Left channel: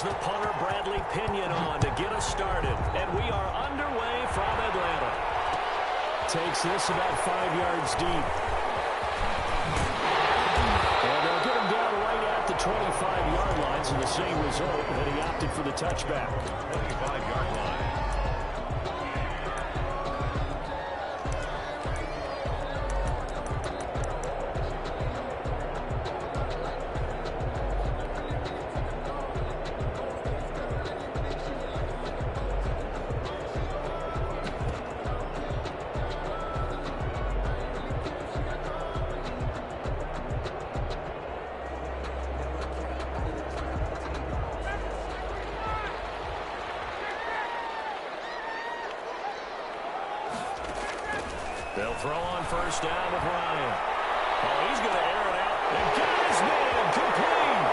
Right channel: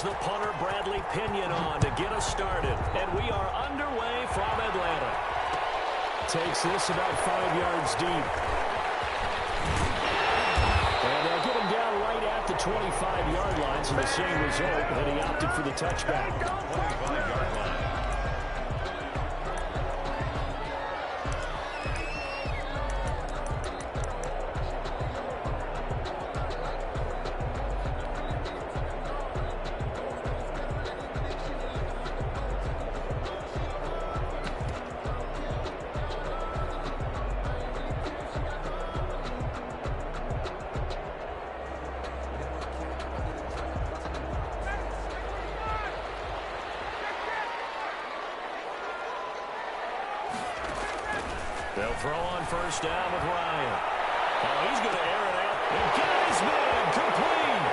brings the punter Bradley Pinion on to get us started. And we are underway from Atlanta. Takes this about 5 yards deep. And they'll get him down right at the 25-yard line, so the same result, that he opted for the touchback. 25-yard line. They'll throw on first down with Ryan. Oh, he's going to air it out. And got his man complete.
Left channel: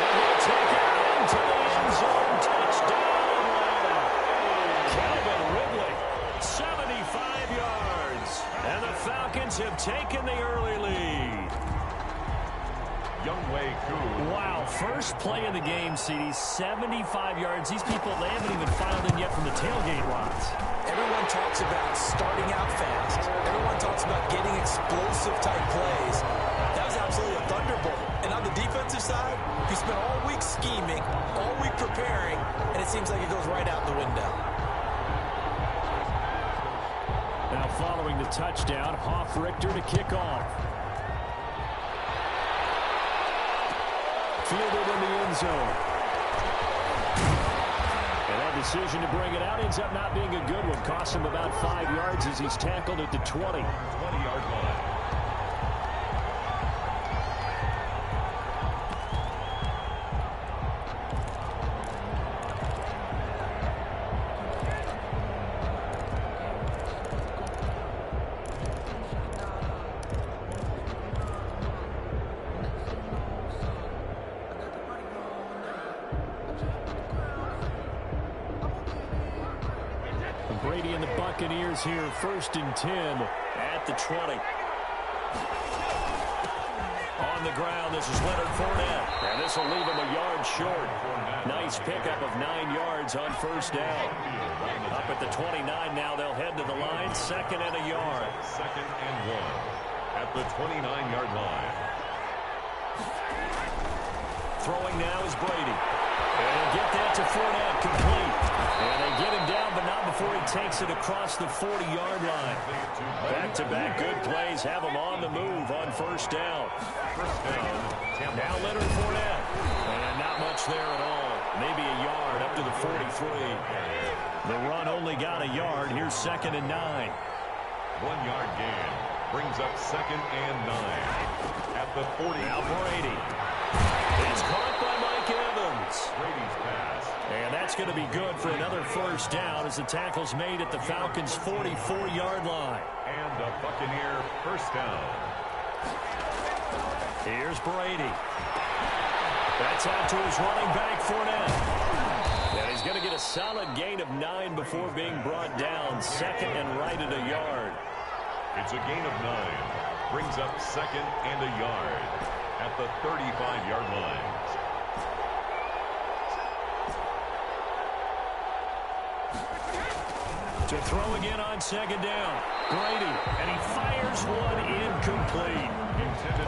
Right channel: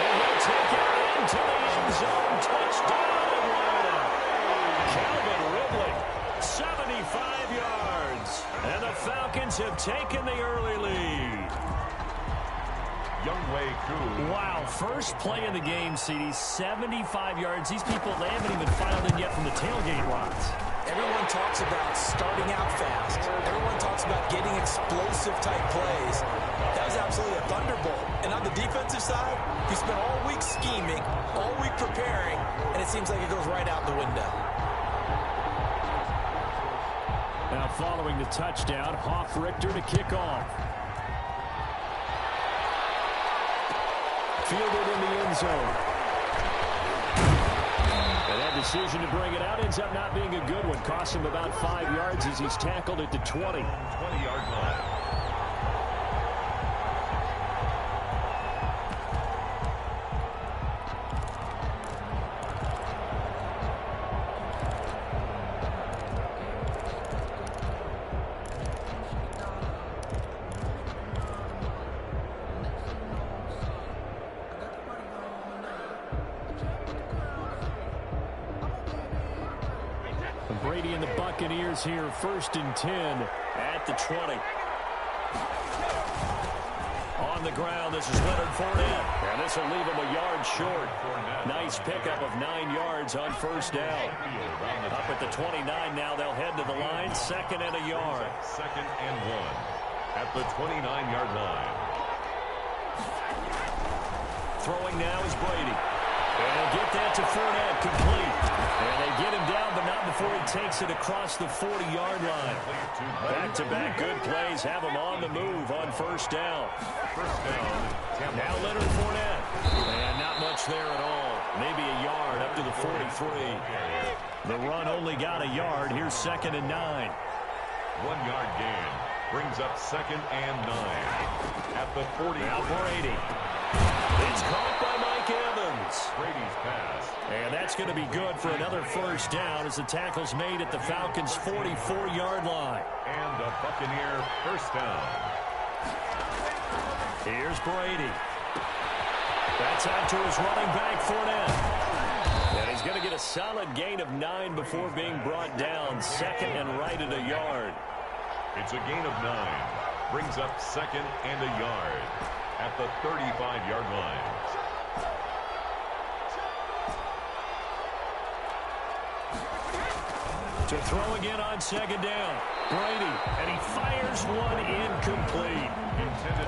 And he'll take it into the end zone. Touchdown, Atlanta. Calvin Ridley, 75 yards. And the Falcons have taken the early lead. Younghoe Koo. Wow, first play of the game, CD, 75 yards. These people, they haven't even filed in yet from the tailgate lots. Everyone talks about starting out fast. Everyone talks about getting explosive-type plays. That was absolutely a thunderbolt. And on the defensive side, you spent all week scheming, all week preparing, and it seems like it goes right out the window. Now following the touchdown, Hoff-Richter to kick off. Fielded in the end zone. And that decision to bring it out ends up not being a good one. Costs him about 5 yards as he's tackled at the 20. 20-yard line. Brady and the Buccaneers here, 1st and 10 at the 20. On the ground, this is Leonard Fournette. And this will leave him a yard short. Nice pickup of 9 yards on first down. Up at the 29 now, they'll head to the line. 2nd and a yard. 2nd and 1 at the 29-yard line. Throwing now is Brady. And he'll get that to Fournette, complete. And they get him down, but not before he takes it across the 40-yard line. Back-to-back good plays have him on the move on first down. First down. Now Leonard Fournette. And not much there at all. Maybe a yard up to the 43. The run only got a yard. Here's 2nd and 9. 1-yard gain brings up 2nd and 9 at the 40. Now Brady. It's caught by Mike Evans. Brady's pass. And that's going to be good for another first down as the tackle's made at the Falcons' 44-yard line. And a Buccaneer first down. Here's Brady. That's out to his running back, Fournette. And he's going to get a solid gain of 9 before being brought down. 2nd and right at a yard. It's a gain of 9. Brings up 2nd and a yard at the 35-yard line. To throw again on 2nd down. Brady, and he fires one incomplete.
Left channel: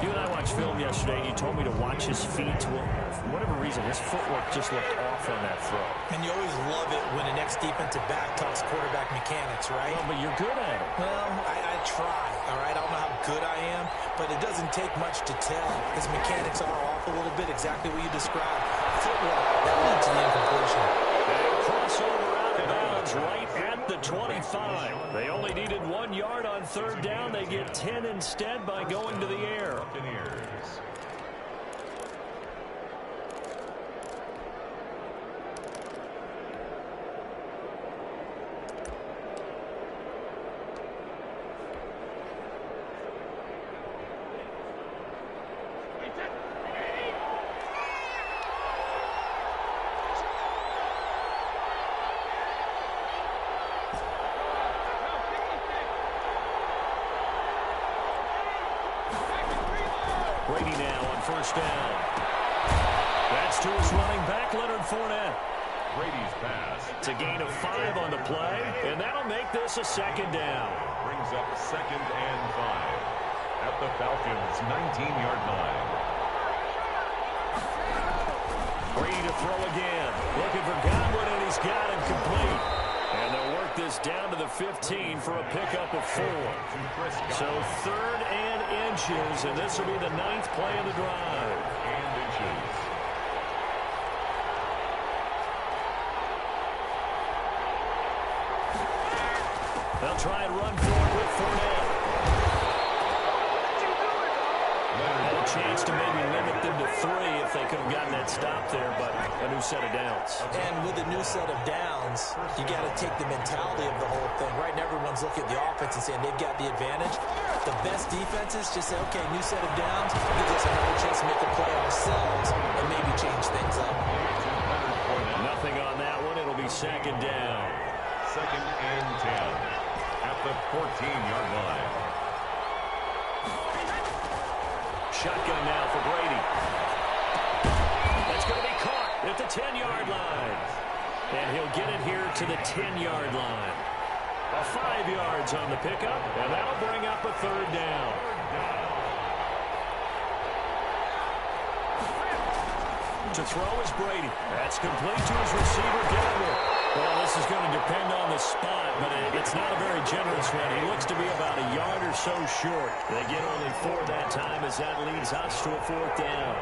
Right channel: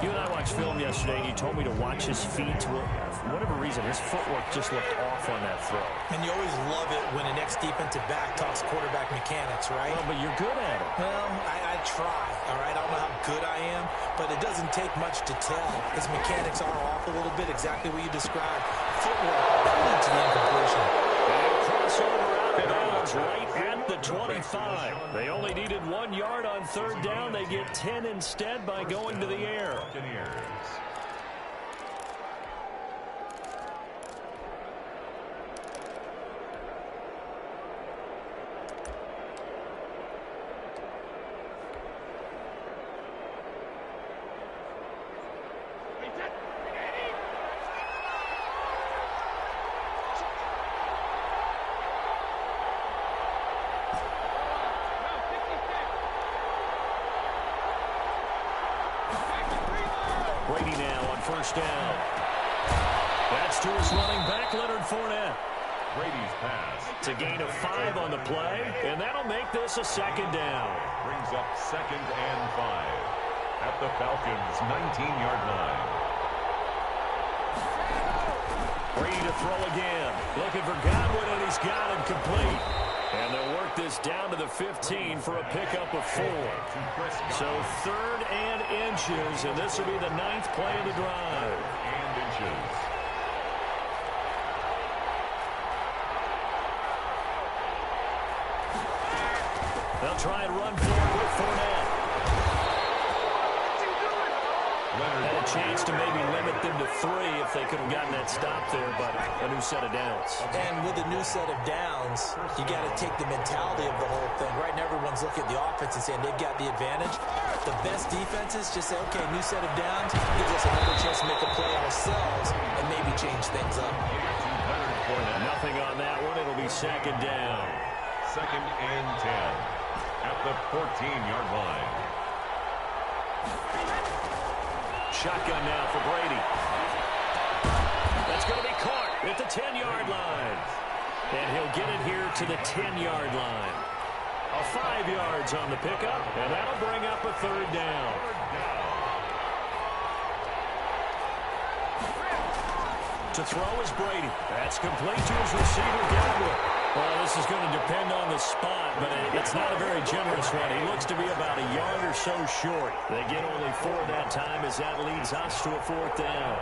You and I watched film yesterday, and you told me to watch his feet. Well, for whatever reason, his footwork just looked off on that throw. And you always love it when an ex-defensive back talks quarterback mechanics, right? Well, but you're good at it. Well, I try, all right? I don't know how good I am, but it doesn't take much to tell. His mechanics are off a little bit, exactly what you described. Footwork, that led to the incompletion. And a crossover out of bounds right at the 25. They only needed 1 yard on 3rd down. They get 10 instead by going to the air. Buccaneers. Brady now on first down. That's Pitch to his running back, Leonard Fournette. Brady's pass. It's a gain of 5 on the play, and that'll make this a second down. Brings up 2nd and 5 at the Falcons' 19-yard line. Brady to throw again. Looking for Godwin, and he's got it complete. And they'll work this down to the 15 for a pickup of 4. So 3rd and inches, and this will be the 9th play of the drive. And inches. They'll try and run forward with Fournette. Had a chance to maybe limit them to 3 if they could have gotten that stop there, but a new set of downs. And with a new set of downs, you got to take the mentality of the whole thing. Right now, everyone's looking at the offense and saying they've got the advantage. The best defenses just say, okay, new set of downs gives us another chance to make a play ourselves and maybe change things up. Nothing on that one. It'll be 2nd down. 2nd and 10 at the 14-yard line. Shotgun now for Brady. That's going to be caught at the 10-yard line. And he'll get it here to the 10-yard line. A 5 yards on the pickup, and that'll bring up a 3rd down. To throw is Brady. That's complete to his receiver, Godwin. Well, this is going to depend on the spot, but it's not a very generous one. He looks to be about a yard or so short. They get only 4 that time as that leads us to a 4th down.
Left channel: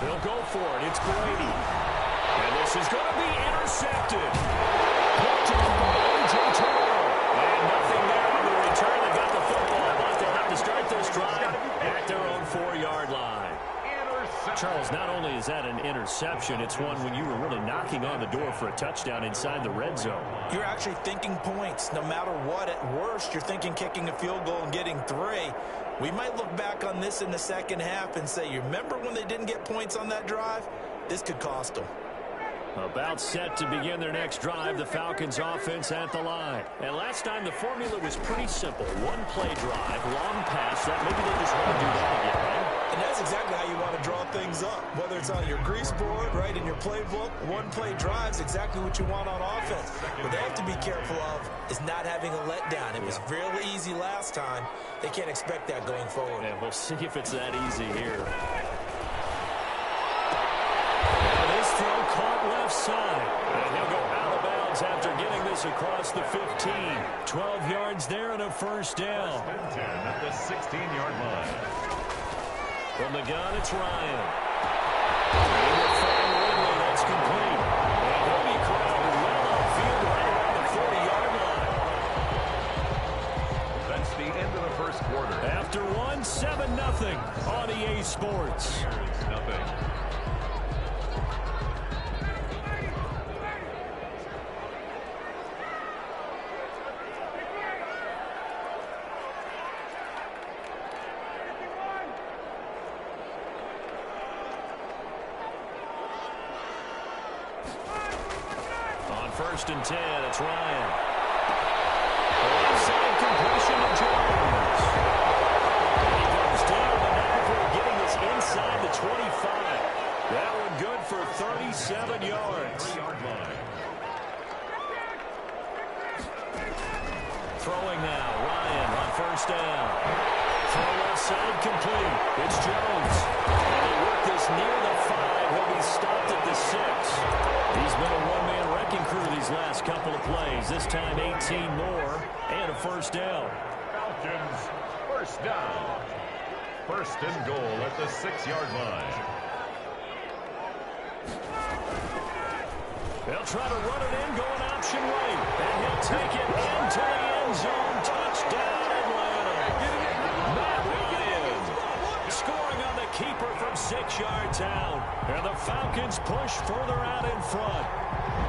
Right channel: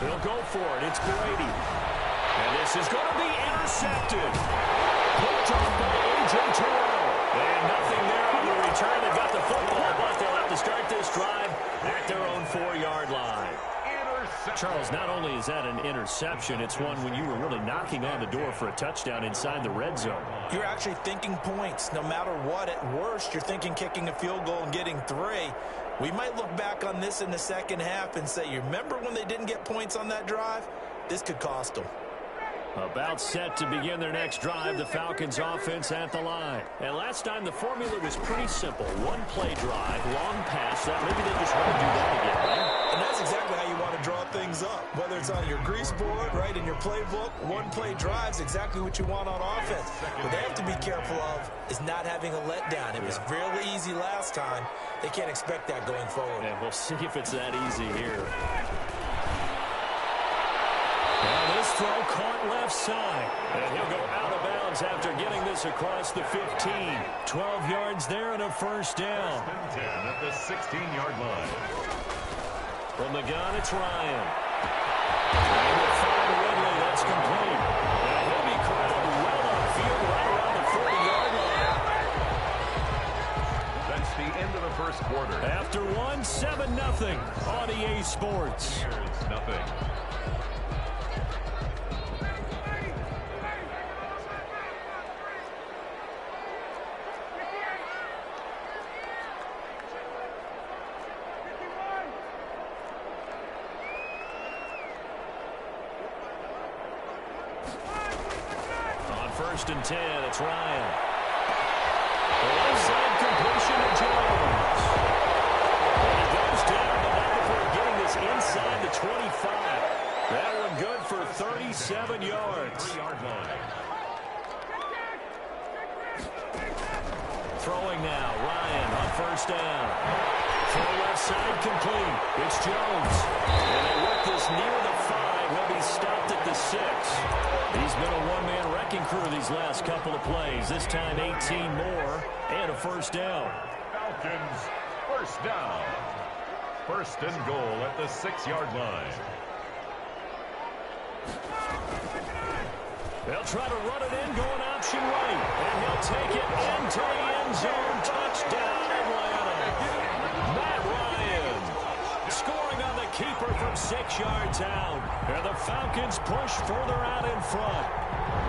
They'll go for it. It's Brady. And this is going to be intercepted. Picked off by A.J. Terrell. And nothing there on the return. They got the football, but they'll have to start this drive at their own 4-yard line. Charles, not only is that an interception, it's one when you were really knocking on the door for a touchdown inside the red zone. You're actually thinking points. No matter what, at worst, you're thinking kicking a field goal and getting 3. We might look back on this in the second half and say, you remember when they didn't get points on that drive? This could cost them. About set to begin their next drive, the Falcons offense at the line. And last time the formula was pretty simple. 1-play drive, long pass. That maybe they just want to do that again, right? And that's exactly how you want to draw things up. Whether it's on your grease board, right, in your playbook, 1-play drive's exactly what you want on offense. What they have to be careful of is not having a letdown. It was really easy last time. They can't expect that going forward. And we'll see if it's that easy here. Now this throw caught left side. And he'll go out of bounds after getting this across the 15. 12 yards there and a 1st down. 10 at the 16-yard line. From the gun, it's Ryan. And we'll find Ridley. That's complete. And he'll be corralled well upfield right around the 40-yard line. That's the end of the 1st quarter. After 1, 7-0 on EA Sports. Here's nothing. On 1st and 10, it's Ryan. The left side completion to Jones. And he goes down, but not before getting this inside the 25. That one good for 37 yards. 3-yard line. Throwing now, Ryan on 1st down. Throw left side complete. It's Jones. And they work this near the 5. He'll be stopped at the 6. He's been a one-man wrecking crew these last couple of plays. This time 18 more and a 1st down. Falcons, 1st down. 1st and goal at the 6-yard line. They'll try to run it in, going option right. And he'll take it into the end zone. Touchdown, Atlanta. Matt Ryan scoring on the keeper from 6 yards out. And the Falcons push further out in front.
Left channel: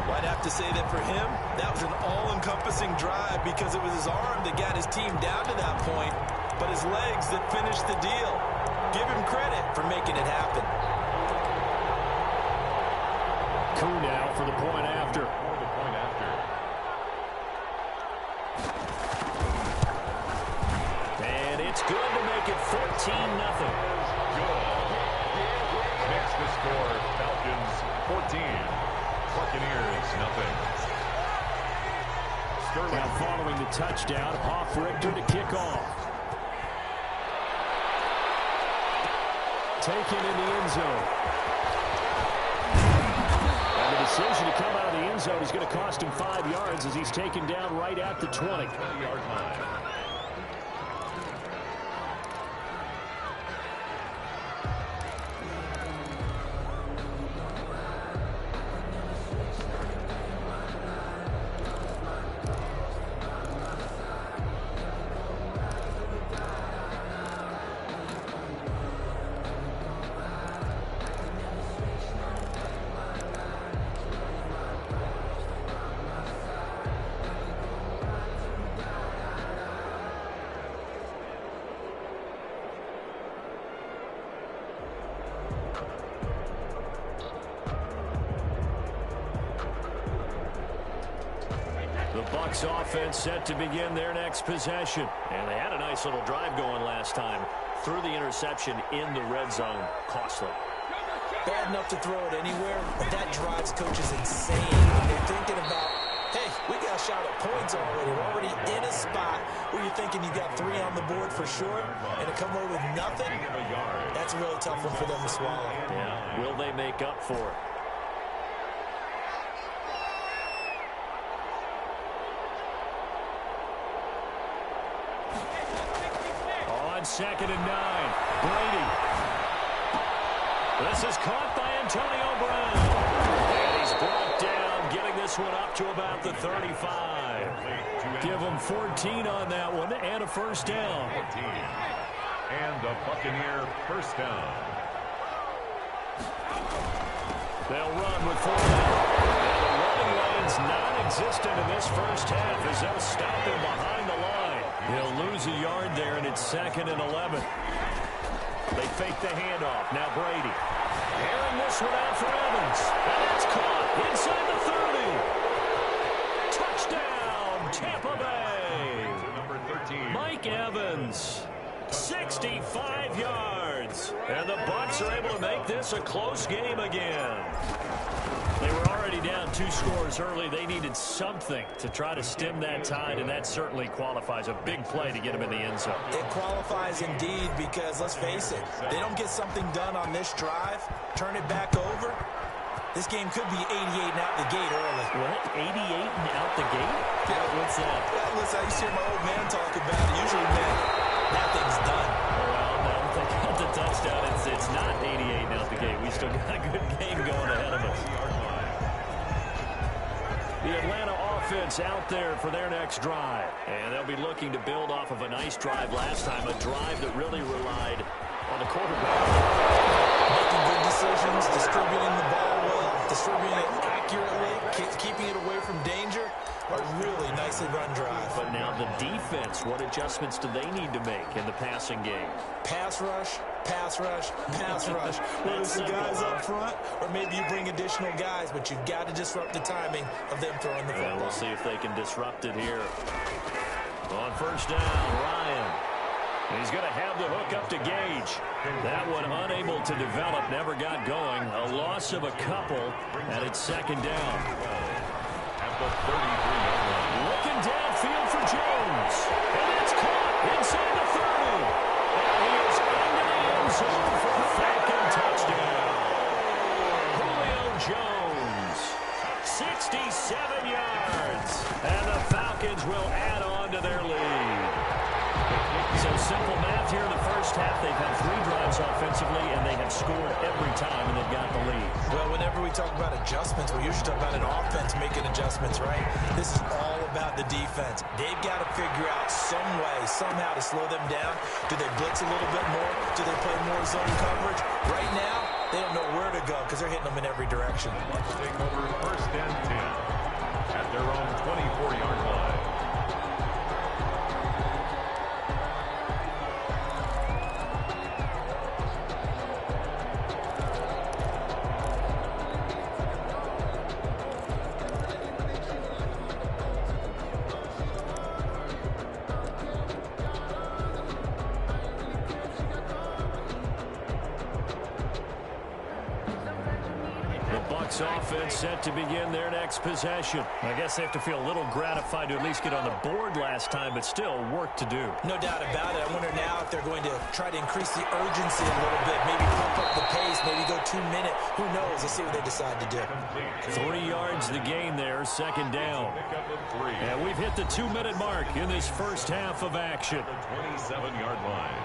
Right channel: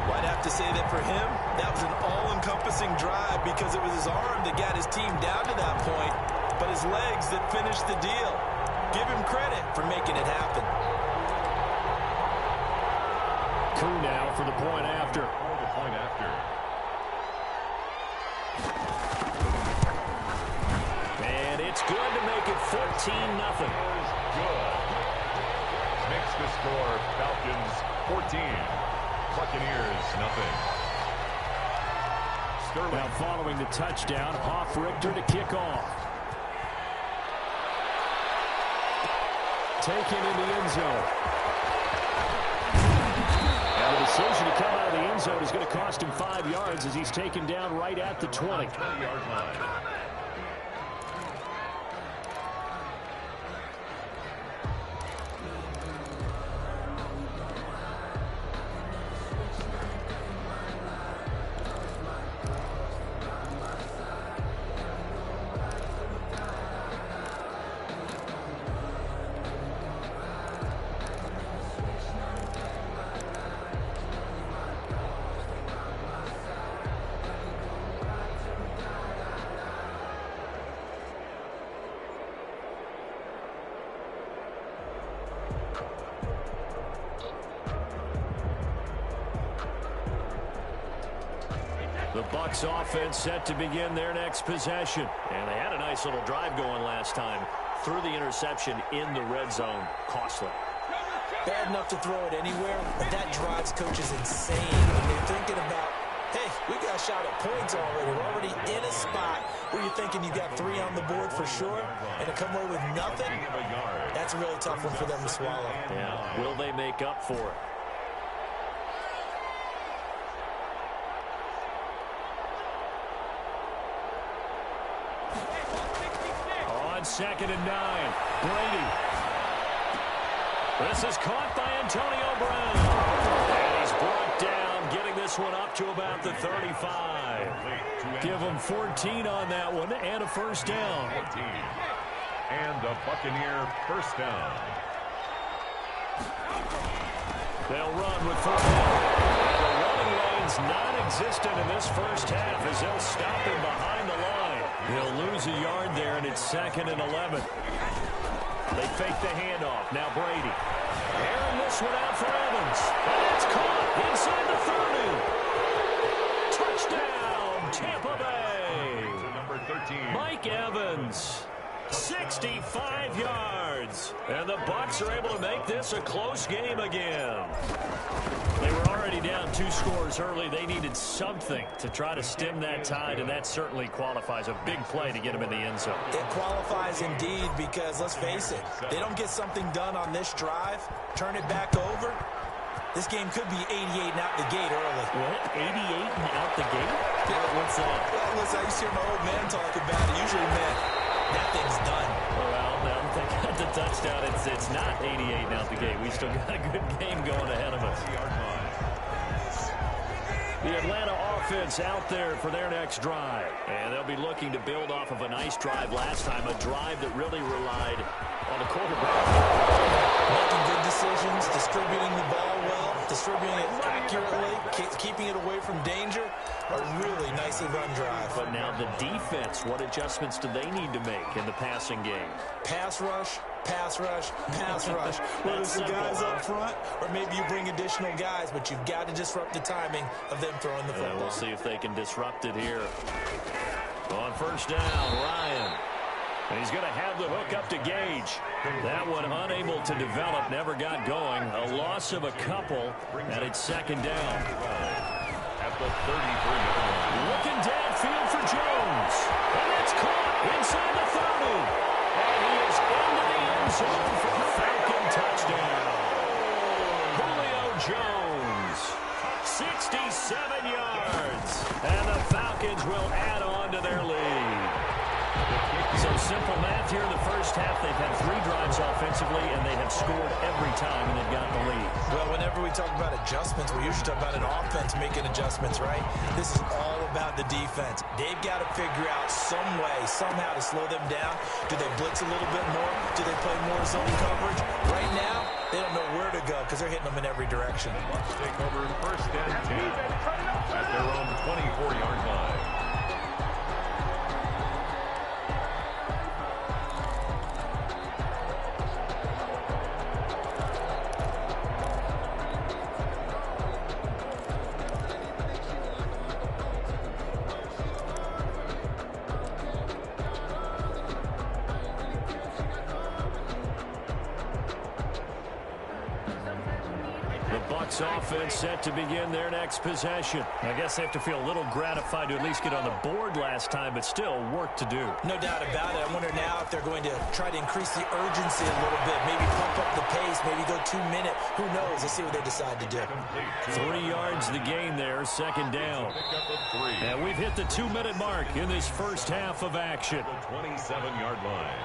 Well, I'd have to say that for him, that was an all-encompassing drive because it was his arm that got his team down to that point, but his legs that finished the deal. Give him credit for making it happen. Koo now for the point after. And it's good to make it 14-0. Good. Makes the score Falcons 14. Buccaneers nothing. Sterling. Now following the touchdown, Hofrichter to kick off. Taken in the end zone. And the decision to come out of the end zone is going to cost him 5 yards as he's taken down right at the 20. 20-yard line. The Bucs offense set to begin their next possession. And they had a nice little drive going last time. Threw the interception in the red zone. Costly. Bad enough to throw it anywhere, but that drives coaches insane when they're thinking about, hey, we got a shot at points already. We're already in a spot where you're thinking you got 3 on the board for sure, and to come away with nothing, that's a really tough one for them to swallow. Yeah, will they make up for it? On 2nd and 9, Brady. This is caught by Antonio Brown. And he's brought down, getting this one up to about the 35. Give him 14 on that one and a first down. 14. And a Buccaneer first down. They'll run with 4 and the running lane's non-existent in this first half as they'll stop him behind the line. He'll lose a yard there, and it's 2nd and 11. They fake the handoff. Now Brady. Airing this one out for Evans. And it's caught inside the 30. Touchdown, Tampa Bay. To number 13. Mike Evans. 65 yards. And the Bucs are able to make this a close game again. They were already down 2 scores early. They needed something to try to stem that tide, and that certainly qualifies. A big play to get them in the end zone. It qualifies indeed because, let's face it, they don't get something done on this drive, turn it back over, this game could be 88 and out the gate early. What? 88 and out the gate? Yeah. What's that? Well, listen, I used to hear my old man talk about it. Usually meant that thing's done. Well, now that they got the touchdown, it's not 88 and out the gate. We still got a good game going ahead of us. The Atlanta offense out there for their next drive. And they'll be looking to build off of a nice drive last time, a drive that really relied on the quarterback. Making good decisions, distributing the ball well, distributing it accurately, keeping it away from danger. A really nicely run drive. But now the defense, what adjustments do they need to make in the passing game? Pass rush, pass rush, pass rush. Whether it's the guys up front or maybe you bring additional guys, but you've got to disrupt the timing of them throwing the football. We'll see if they can disrupt it here. On first down, Ryan. And he's going to have the hook up to Gage. That one unable to develop, never got going. A loss of a couple, and it's 2nd down. At the 33-yard line. Looking downfield for Jones. And that's caught inside the 30. And he is into the end zone for a Falcon touchdown. Julio Jones, 67 yards. And the Falcons will add on to their lead. The kick So simple math here in the first half. They've had 3 drives offensively, and they have scored every time, and they've got the lead. Well, whenever we talk about adjustments, we usually talk about an offense making adjustments, right? This is all about the defense. They've got to figure out some way, somehow to slow them down. Do they blitz a little bit more? Do they play more zone coverage? Right now, they don't know where to go because they're hitting them in every direction. Bucks take over first and 10 at their own 24-yard line. Offense set to begin their next possession. I guess they have to feel a little gratified to at least get on the board last time, but still work to do. No doubt about it. I wonder now if they're going to try to increase the urgency a little bit, maybe pump up the pace, maybe go 2-minute. Who knows? Let's see what they decide to do. 3 yards the gain there, second down. And we've hit the 2-minute mark in this first half of action. The 27-yard line.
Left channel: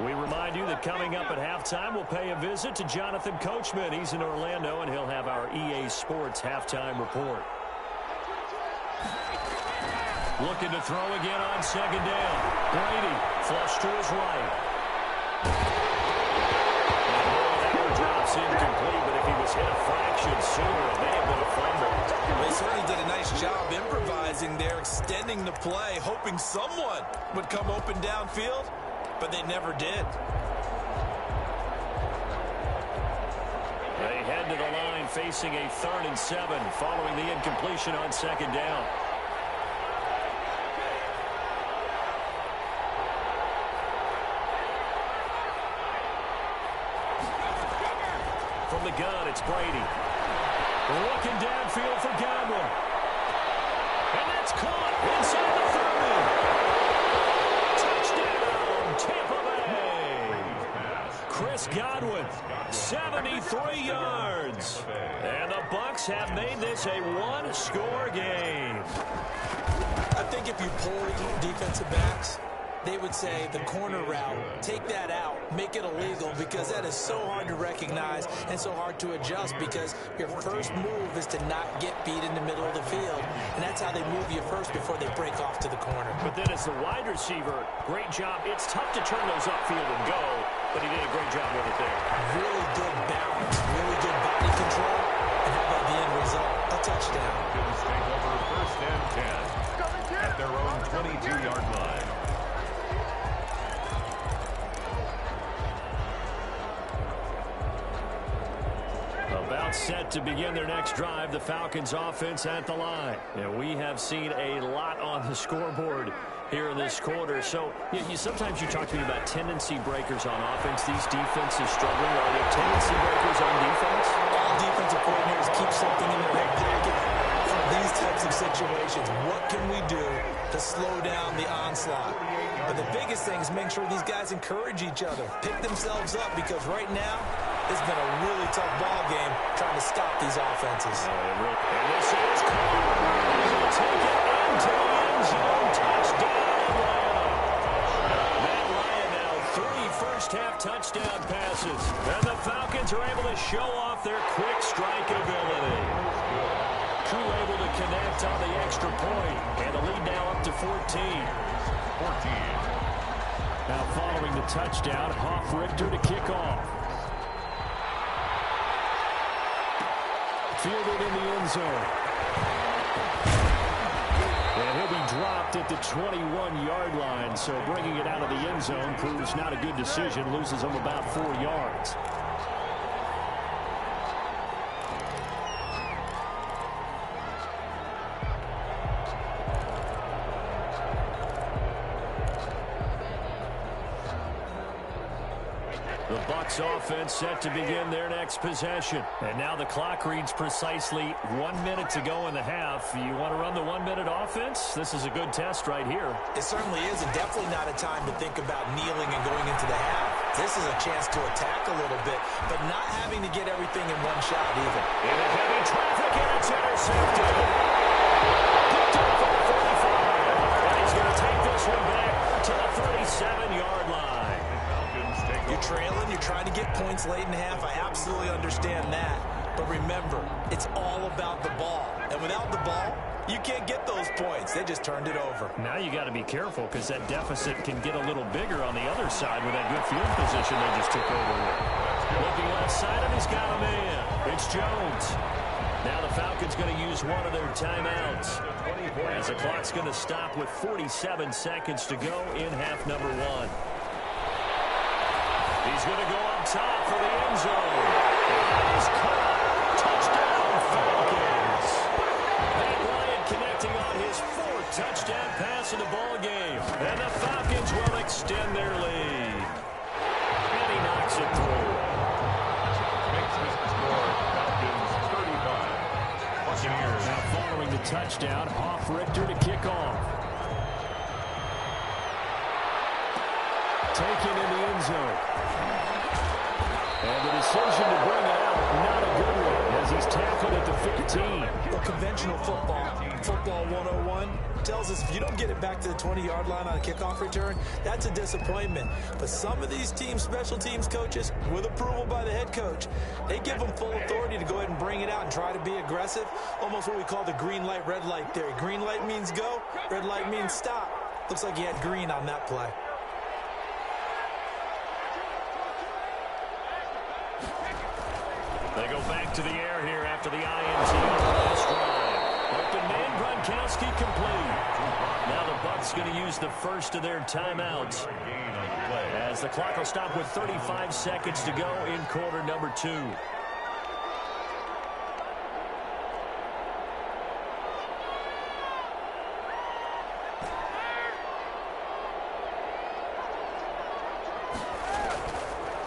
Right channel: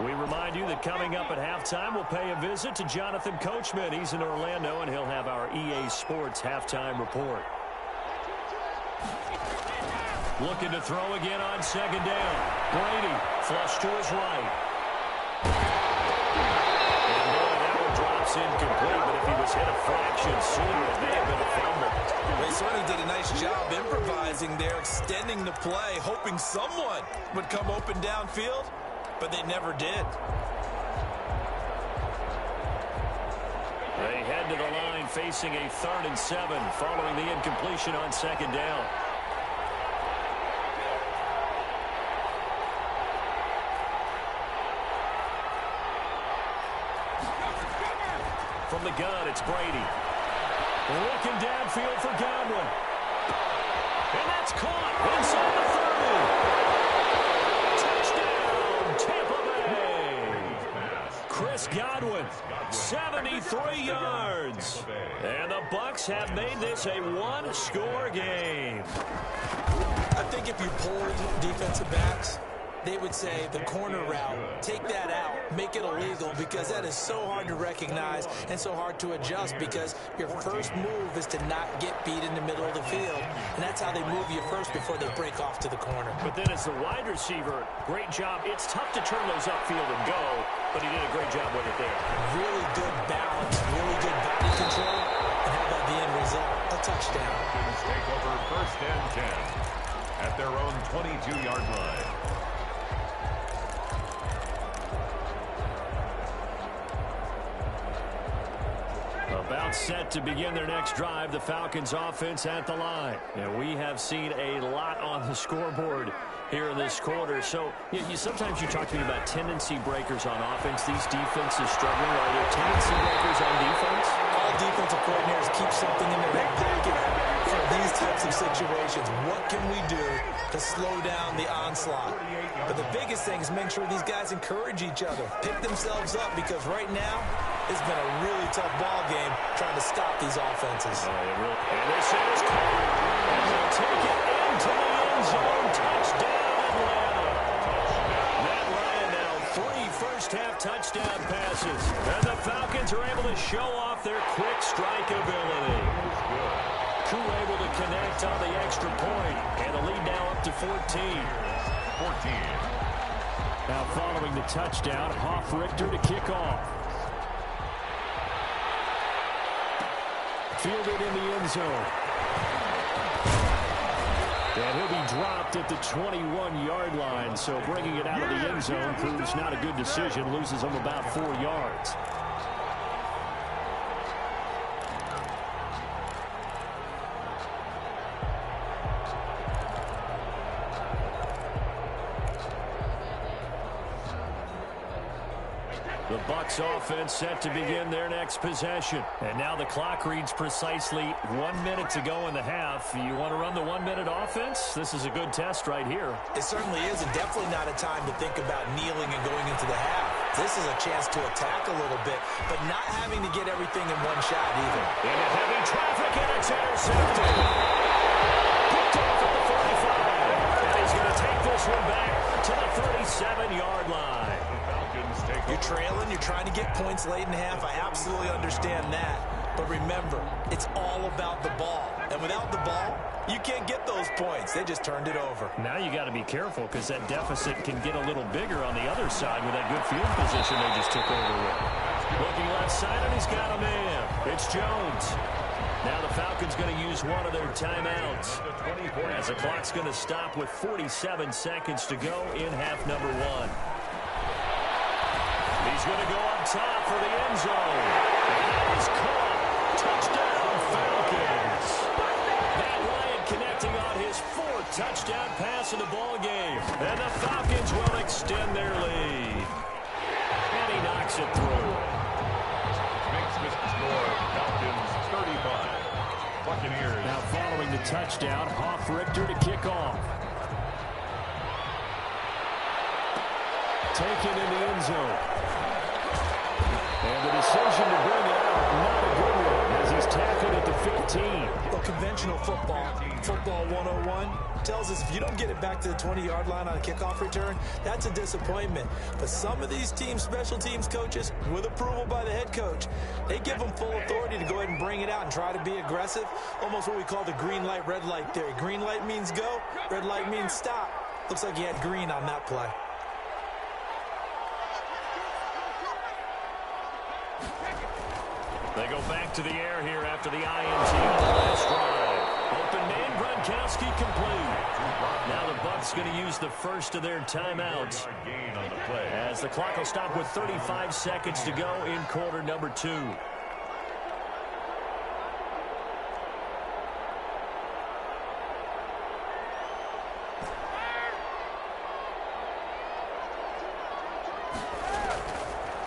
We remind you that coming up at halftime, we'll pay a visit to Jonathan Coachman. He's in Orlando, and he'll have our EA Sports halftime report. Looking to throw again on second down. Brady, flush to his right. And boy, that one drops incomplete, but if he was hit a fraction sooner, it may have been a fumble. They certainly did a nice job improvising there, extending the play, hoping someone would come open downfield. But they never did. They head to the line facing a 3rd and 7 following the incompletion on second down. From the gun, it's Brady. Looking downfield for Godwin. And that's caught inside the 30. Touchdown, Tampa Bay. Chris Godwin, 73 yards. And the Bucks have made this a 1-score game. I think if you polled defensive backs, they would say the corner route, take that out, make it illegal, because that is so hard to recognize and so hard to adjust, because your first move is to not get beat in the middle of the field, and that's how they move you first before they break off to the corner. But then as the wide receiver, great job. It's tough to turn those upfield and go, but he did a great job with it there. Really good balance, really good body control, and how about the end result? A touchdown. Falcons take over first and 10 at their own 22-yard line. About set to begin their next drive, the Falcons offense at the line. And we have seen a lot on the scoreboard here in this quarter. So sometimes you talk to me about tendency breakers on offense. These defenses struggling. Are there tendency breakers on defense? All defensive coordinators keep something in their hip pocket for these types of situations. What can we do to slow down the onslaught? But the biggest thing is make sure these guys encourage each other, pick themselves up, because right now it's been a really tough ball game trying to stop these offenses. And this is caught. And he'll take it into the end zone. Touchdown, Atlanta. Matt Ryan now 3 first-half touchdown passes. And the Falcons are able to show off their quick strike ability. Koo able to connect on the extra point. And the lead now up to 14. Now following the touchdown, Hoff-Richter to kick off. Fielded in the end zone. And he'll be dropped at the 21-yard line. So bringing it out of the end zone proves not a good decision. Loses him about 4 yards. The Bucks offense set to begin their next possession. And now the clock reads precisely 1 minute to go in the half. You want to run the 1-minute offense? This is a good test right here. It certainly is, and definitely not a time to think about kneeling and going into the half. This is a chance to attack a little bit, but not having to get everything in one shot either. Into heavy traffic, and it's intercepted. Picked off at the 45. And he's going to take this one back to the 37-yard line. You're trailing. You're trying to get points late in the half. I absolutely understand that. But remember, it's all about the ball. And without the ball, you can't get those points. They just turned it over. Now you got to be careful because that deficit can get a little bigger on the other side with that good field position they just took over with. Looking left side, and he's got a man. It's Jones. Now the Falcons going to use one of their timeouts as the clock's going to stop with 47 seconds to go in half number one. He's going to go up top for the end zone. And that is caught. Touchdown, Falcons. Matt Ryan connecting on his fourth touchdown pass of the ball game. And the Falcons will extend their lead. And he knocks it through. Makes this the score. Falcons 35. Buccaneers. Now following the touchdown, Hoff-Richter to kick off. Taken in the end zone. And the decision to bring it out, not a good one, as he's tackled at the 15. Well, conventional football 101, tells us if you don't get it back to the 20-yard line on a kickoff return, that's a disappointment. But some of these teams, special teams coaches, with approval by the head coach, they give them full authority to go ahead and bring it out and try to be aggressive, almost what we call the green light, red light theory. Green light means go, red light means stop. Looks like he had green on that play. They go back to the air here after the INT on the last drive. Open man, Gronkowski complete. Now the Bucs going to use the first of their timeouts as the clock will stop with 35 seconds to go in quarter number two.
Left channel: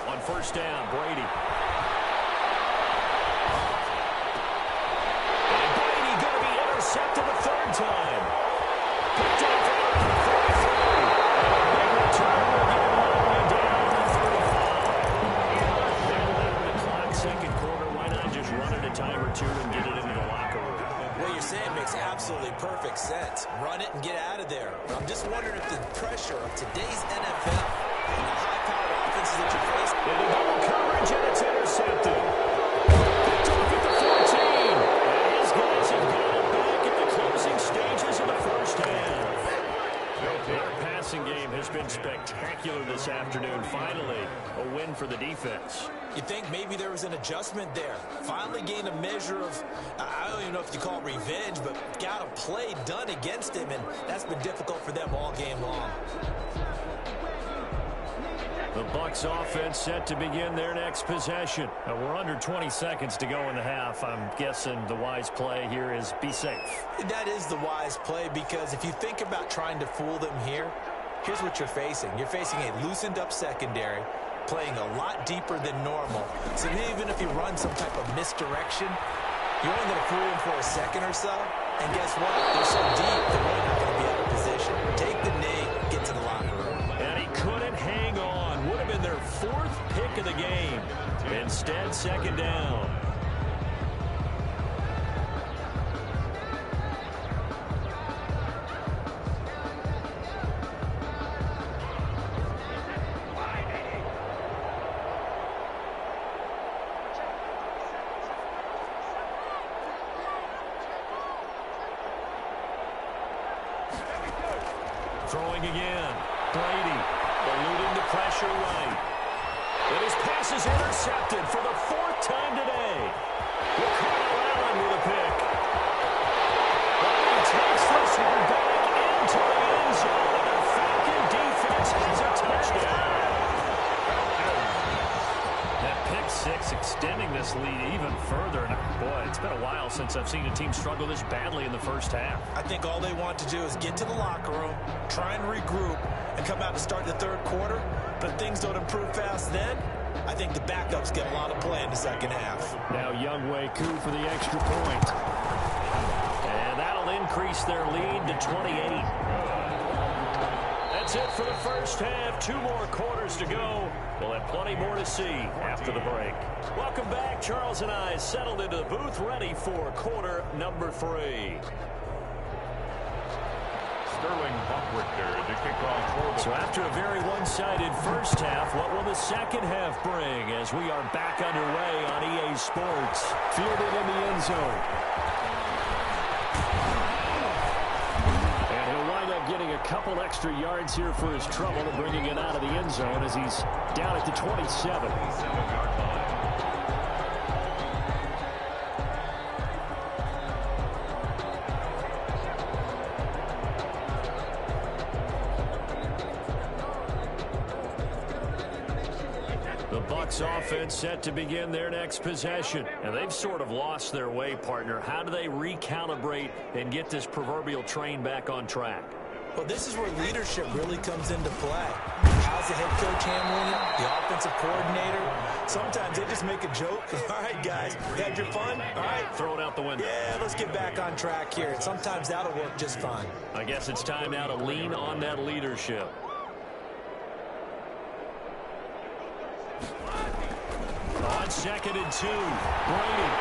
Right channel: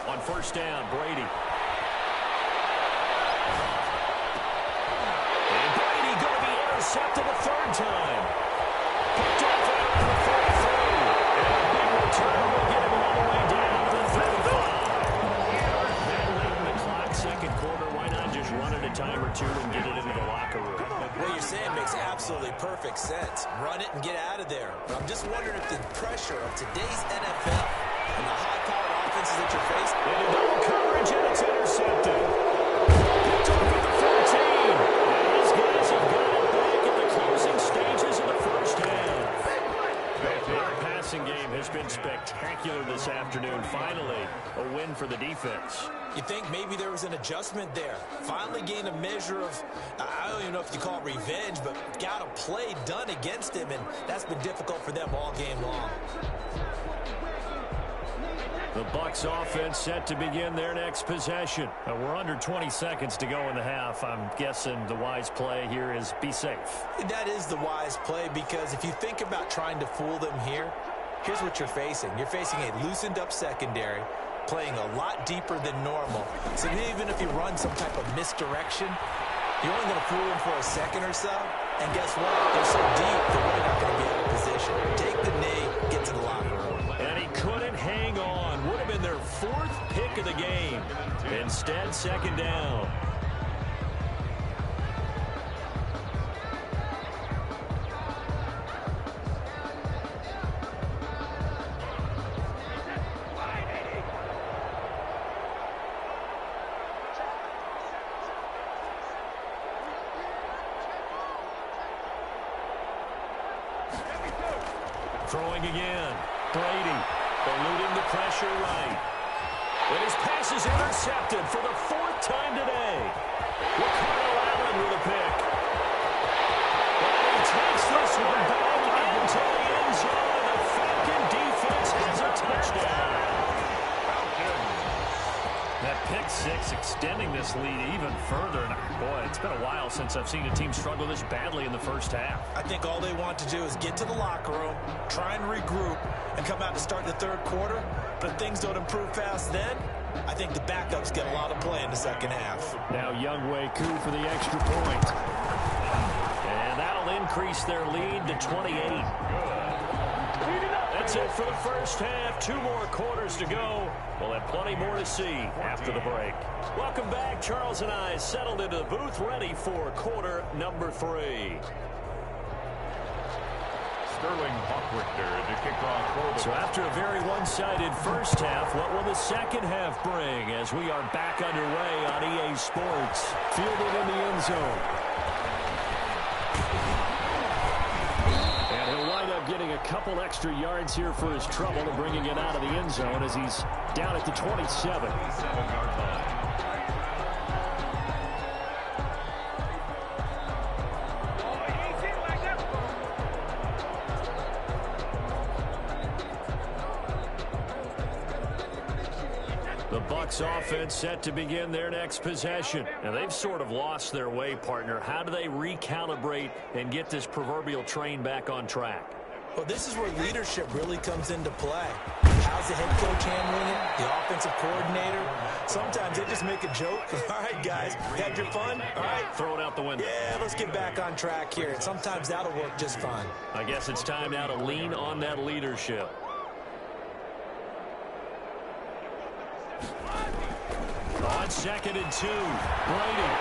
On first down, Brady. Intercepted a third time. Picked off right around the 43. And a big return will get him all the way down to the 35. That late in the clock, second quarter, why not just run it a time or two and get it into the locker room? What you're saying makes absolutely perfect sense. Run it and get out of there. But I'm just wondering if the pressure of today's NFL and the high-powered offenses that you're facing. Into double coverage, and it's intercepted. Picked off at the 14. And his guys have got it back at the closing stages of the first half. Their passing game has been spectacular this afternoon. Finally, a win for the defense. You think maybe there was an adjustment there. Finally gained a measure of, I don't even know if you call it revenge, but got a play done against him, and that's been difficult for them all game long. The Bucs offense set to begin their next possession. We're under 20 seconds to go in the half. I'm guessing the wise play here is be safe. That is the wise play, because if you think about trying to fool them here, here's what you're facing. You're facing a loosened up secondary, playing a lot deeper than normal. So even if you run some type of misdirection, you're only going to fool them for a second or so. And guess what? They're so deep, they're really not going to be out of position. Take the knee, get to the locker room. And he couldn't hang on. Would have been their fourth pick of the game. Instead, second down. Throwing again. Brady eluding the pressure right. And his pass is intercepted for the fourth time today. Ricardo Allen with a pick. And he takes this one back into the end zone, and the Falcon defense has a touchdown. That pick six extending this lead even further. And boy, it's been a while since I've seen a team struggle this badly in the first half. I think all they want to do is get to the locker room, try and regroup, and come out to start the third quarter. But if things don't improve fast then, I think the backups get a lot of play in the second half. Now Younghoe Koo for the extra point. And that'll increase their lead to 28. That's it for the first half. 2 more quarters to go. We'll have plenty more to see after the break. Welcome back. Charles and I settled into the booth, ready for quarter number 3. Sterling Hochrichter to kick off for the... So after a very one-sided first half, what will the second half bring as we are back underway on EA Sports? Fielded in the end zone. And he'll wind up getting a couple extra yards here for his trouble and bringing it out of the end zone as he's down at the 27. 27-yard line. The Bucs offense set to begin their next possession. And they've sort of lost their way, partner. How do they recalibrate and get this proverbial train back on track? Well, this is where leadership really comes into play. How's the head coach handling it? The offensive coordinator? Sometimes they just make a joke. All right, guys, you had your fun? All right. Throw it out the window. Yeah, let's get back on track here. And sometimes that'll work just fine. I guess it's time now to lean on that leadership. On 2nd and 2, Brady.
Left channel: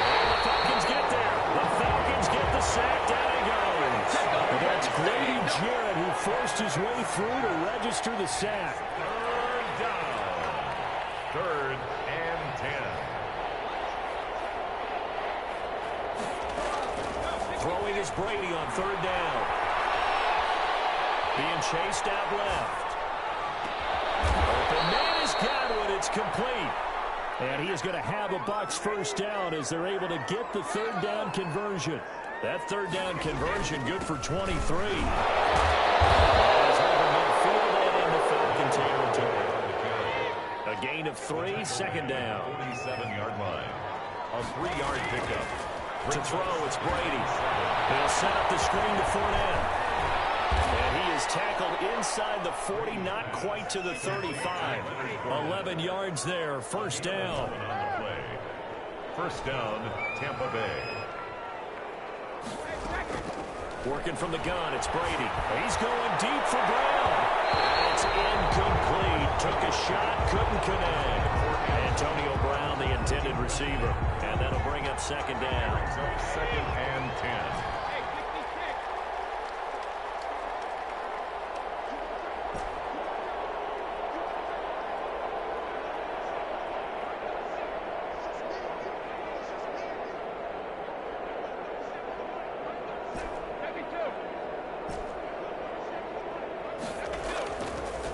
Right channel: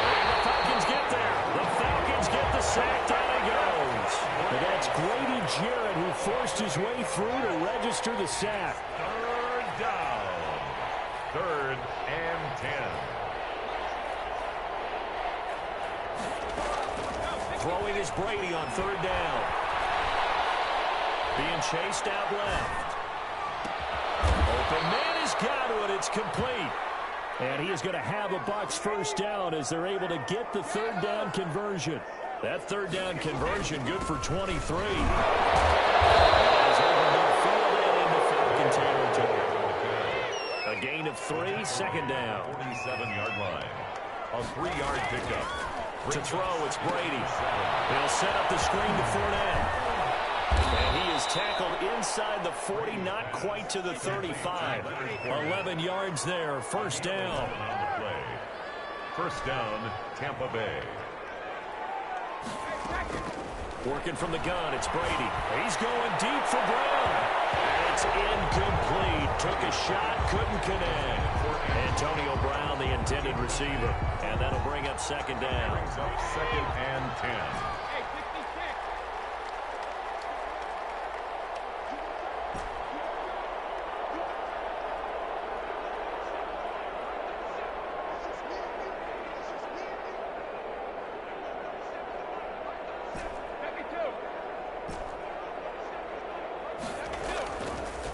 And the Falcons get there. The Falcons get the sack. Down he goes. And that's Grady Jarrett who forced his way through to register the sack. Third down. 3rd and 10. Throwing is Brady on 3rd down. Being chased out left. Open man is Godwin. It's complete. And he is going to have a Bucs first down as they're able to get the 3rd down conversion. That 3rd down conversion good for 23. As over midfield and into Falcon territory. A gain of 3, 2nd down. 47-yard line. A 3-yard pickup. To throw, it's Brady. They'll set up the screen to Fournette. And he is tackled inside the 40, not quite to the 35. 11 yards there, first down. On the play. First down, Tampa Bay. Working from the gun, it's Brady. He's going deep for Brown. And it's incomplete. Took a shot, couldn't connect. Antonio Brown, the intended receiver. And that'll bring up 2nd down. Brings up 2nd and 10.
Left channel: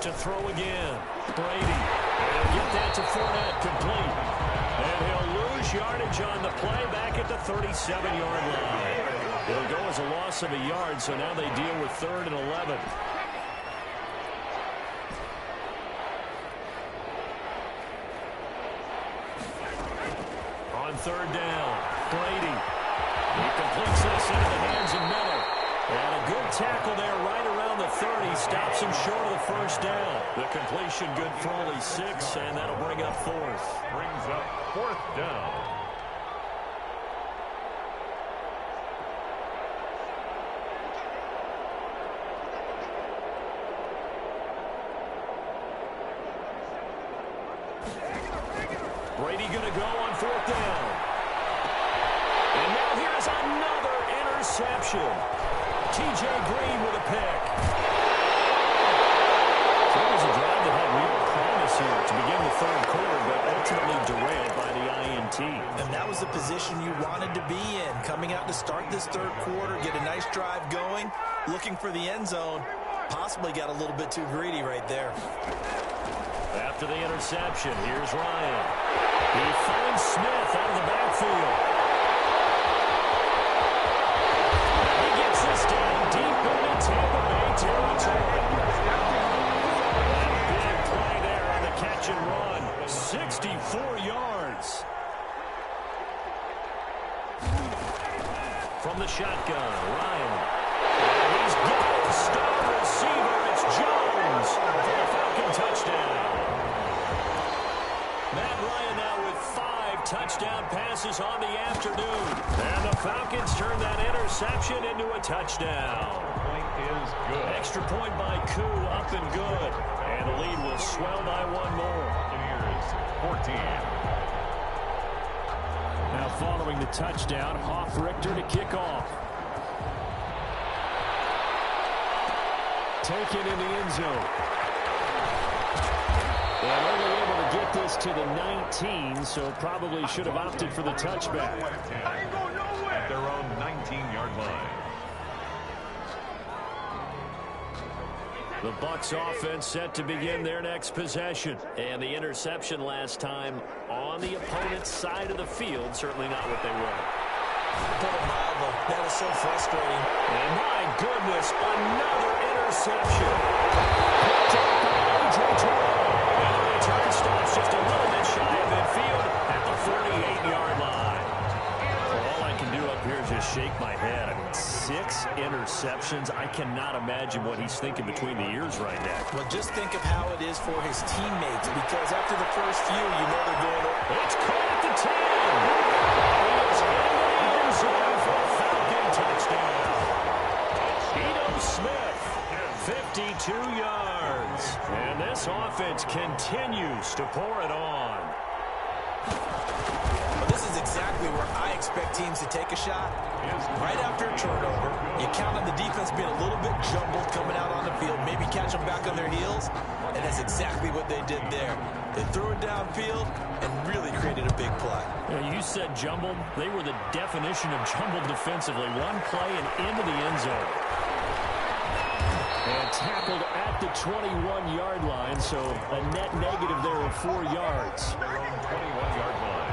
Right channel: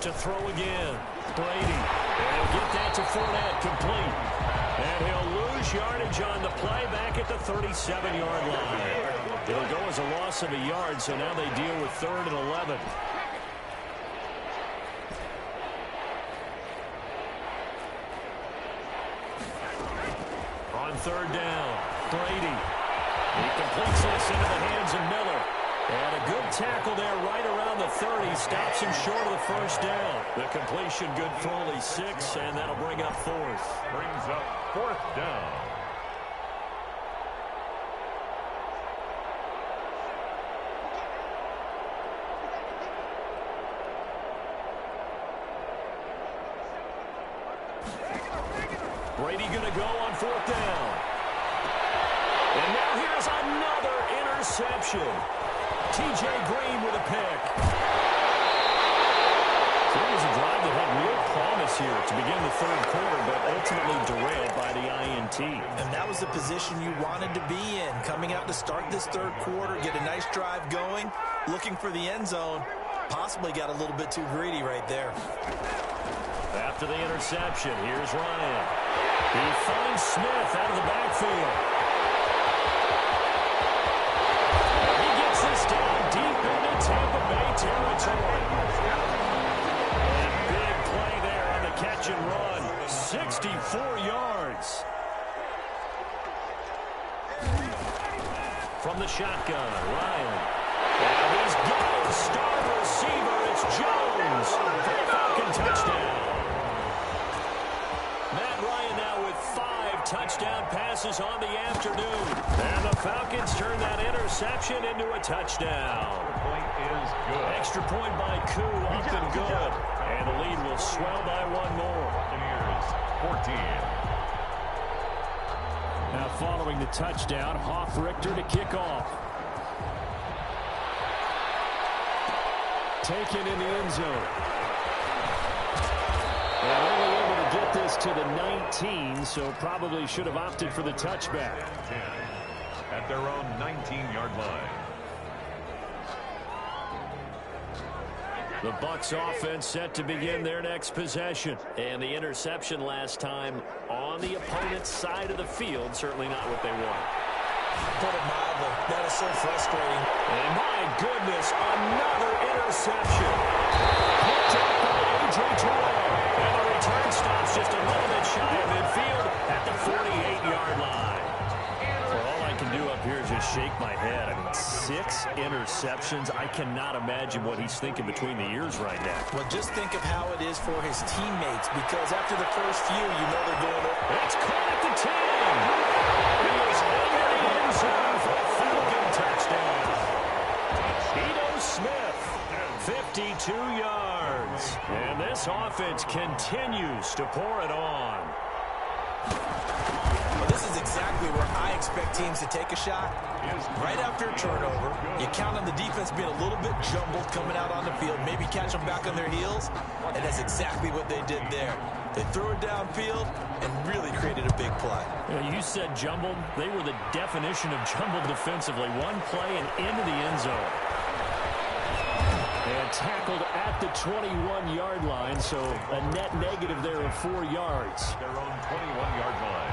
To throw again, Brady. And he'll get that to Fournette, complete. And he'll lose yardage on the play back at the 37-yard line. It'll go as a loss of a yard, so now they deal with 3rd and 11. On 3rd down, Brady. He completes this into the hands of Miller. And a good tackle there right around the 30. Stops him short of the first down. The completion good for only 6, and that'll bring up 4th. Brings up 4th down. Brady going to go on 4th down. And now here's another interception. T.J. Green with a pick. So it was a drive that had real promise here to begin the 3rd quarter, but ultimately derailed by the INT. And that was the position you wanted to be in. Coming out to start this 3rd quarter, get a nice drive going, looking for the end zone. Possibly got a little bit too greedy right there. After the interception, here's Ryan. He finds Smith out of the backfield. This down deep into Tampa Bay territory. And big play there on the catch and run. 64 yards. From the shotgun, Ryan. And he's got his star receiver. It's Jones for the Falcon touchdown. Matt Ryan now with 5 touchdown passes on the afternoon. And the Falcons turn that interception into a touchdown. Point is good. Extra point by Koo, up and good. And the lead will swell by 1 more. Buccaneers 14. Now following the touchdown, Hoff Richter to kick off. taken in the end zone. And only able to get this to the 19, so probably should have opted for the touchback. At their own 19-yard line. The Bucs offense set to begin their next possession. And the interception last time on the opponent's side of the field, certainly not what they wanted. Put it mildly, that is so frustrating. And my goodness, another interception. Picked up by A.J. Terrell. And the return stops just a little bit shy of midfield at the 48-yard line. Well, all I can do up here is just shake my head. I mean, 6 interceptions. I cannot imagine what he's thinking between the ears right now. Well, just think of how it is for his teammates, because after the first few, you know they're going over. It's caught at the 10. He is into the end zone for a Falcon touchdown. Ito Smith, 52 yards. And this offense continues to pour it on. Well, this is exactly where I expect teams to take a shot. Right after a turnover, you count on the defense being a little bit jumbled coming out on the field, maybe catch them back on their heels, and that's exactly what they did there. They threw it downfield and really created a big play. You said jumbled. They were the definition of jumbled defensively. One play and into the end zone. And tackled at the 21-yard line, so a net negative there of 4 yards. Their own 21-yard line.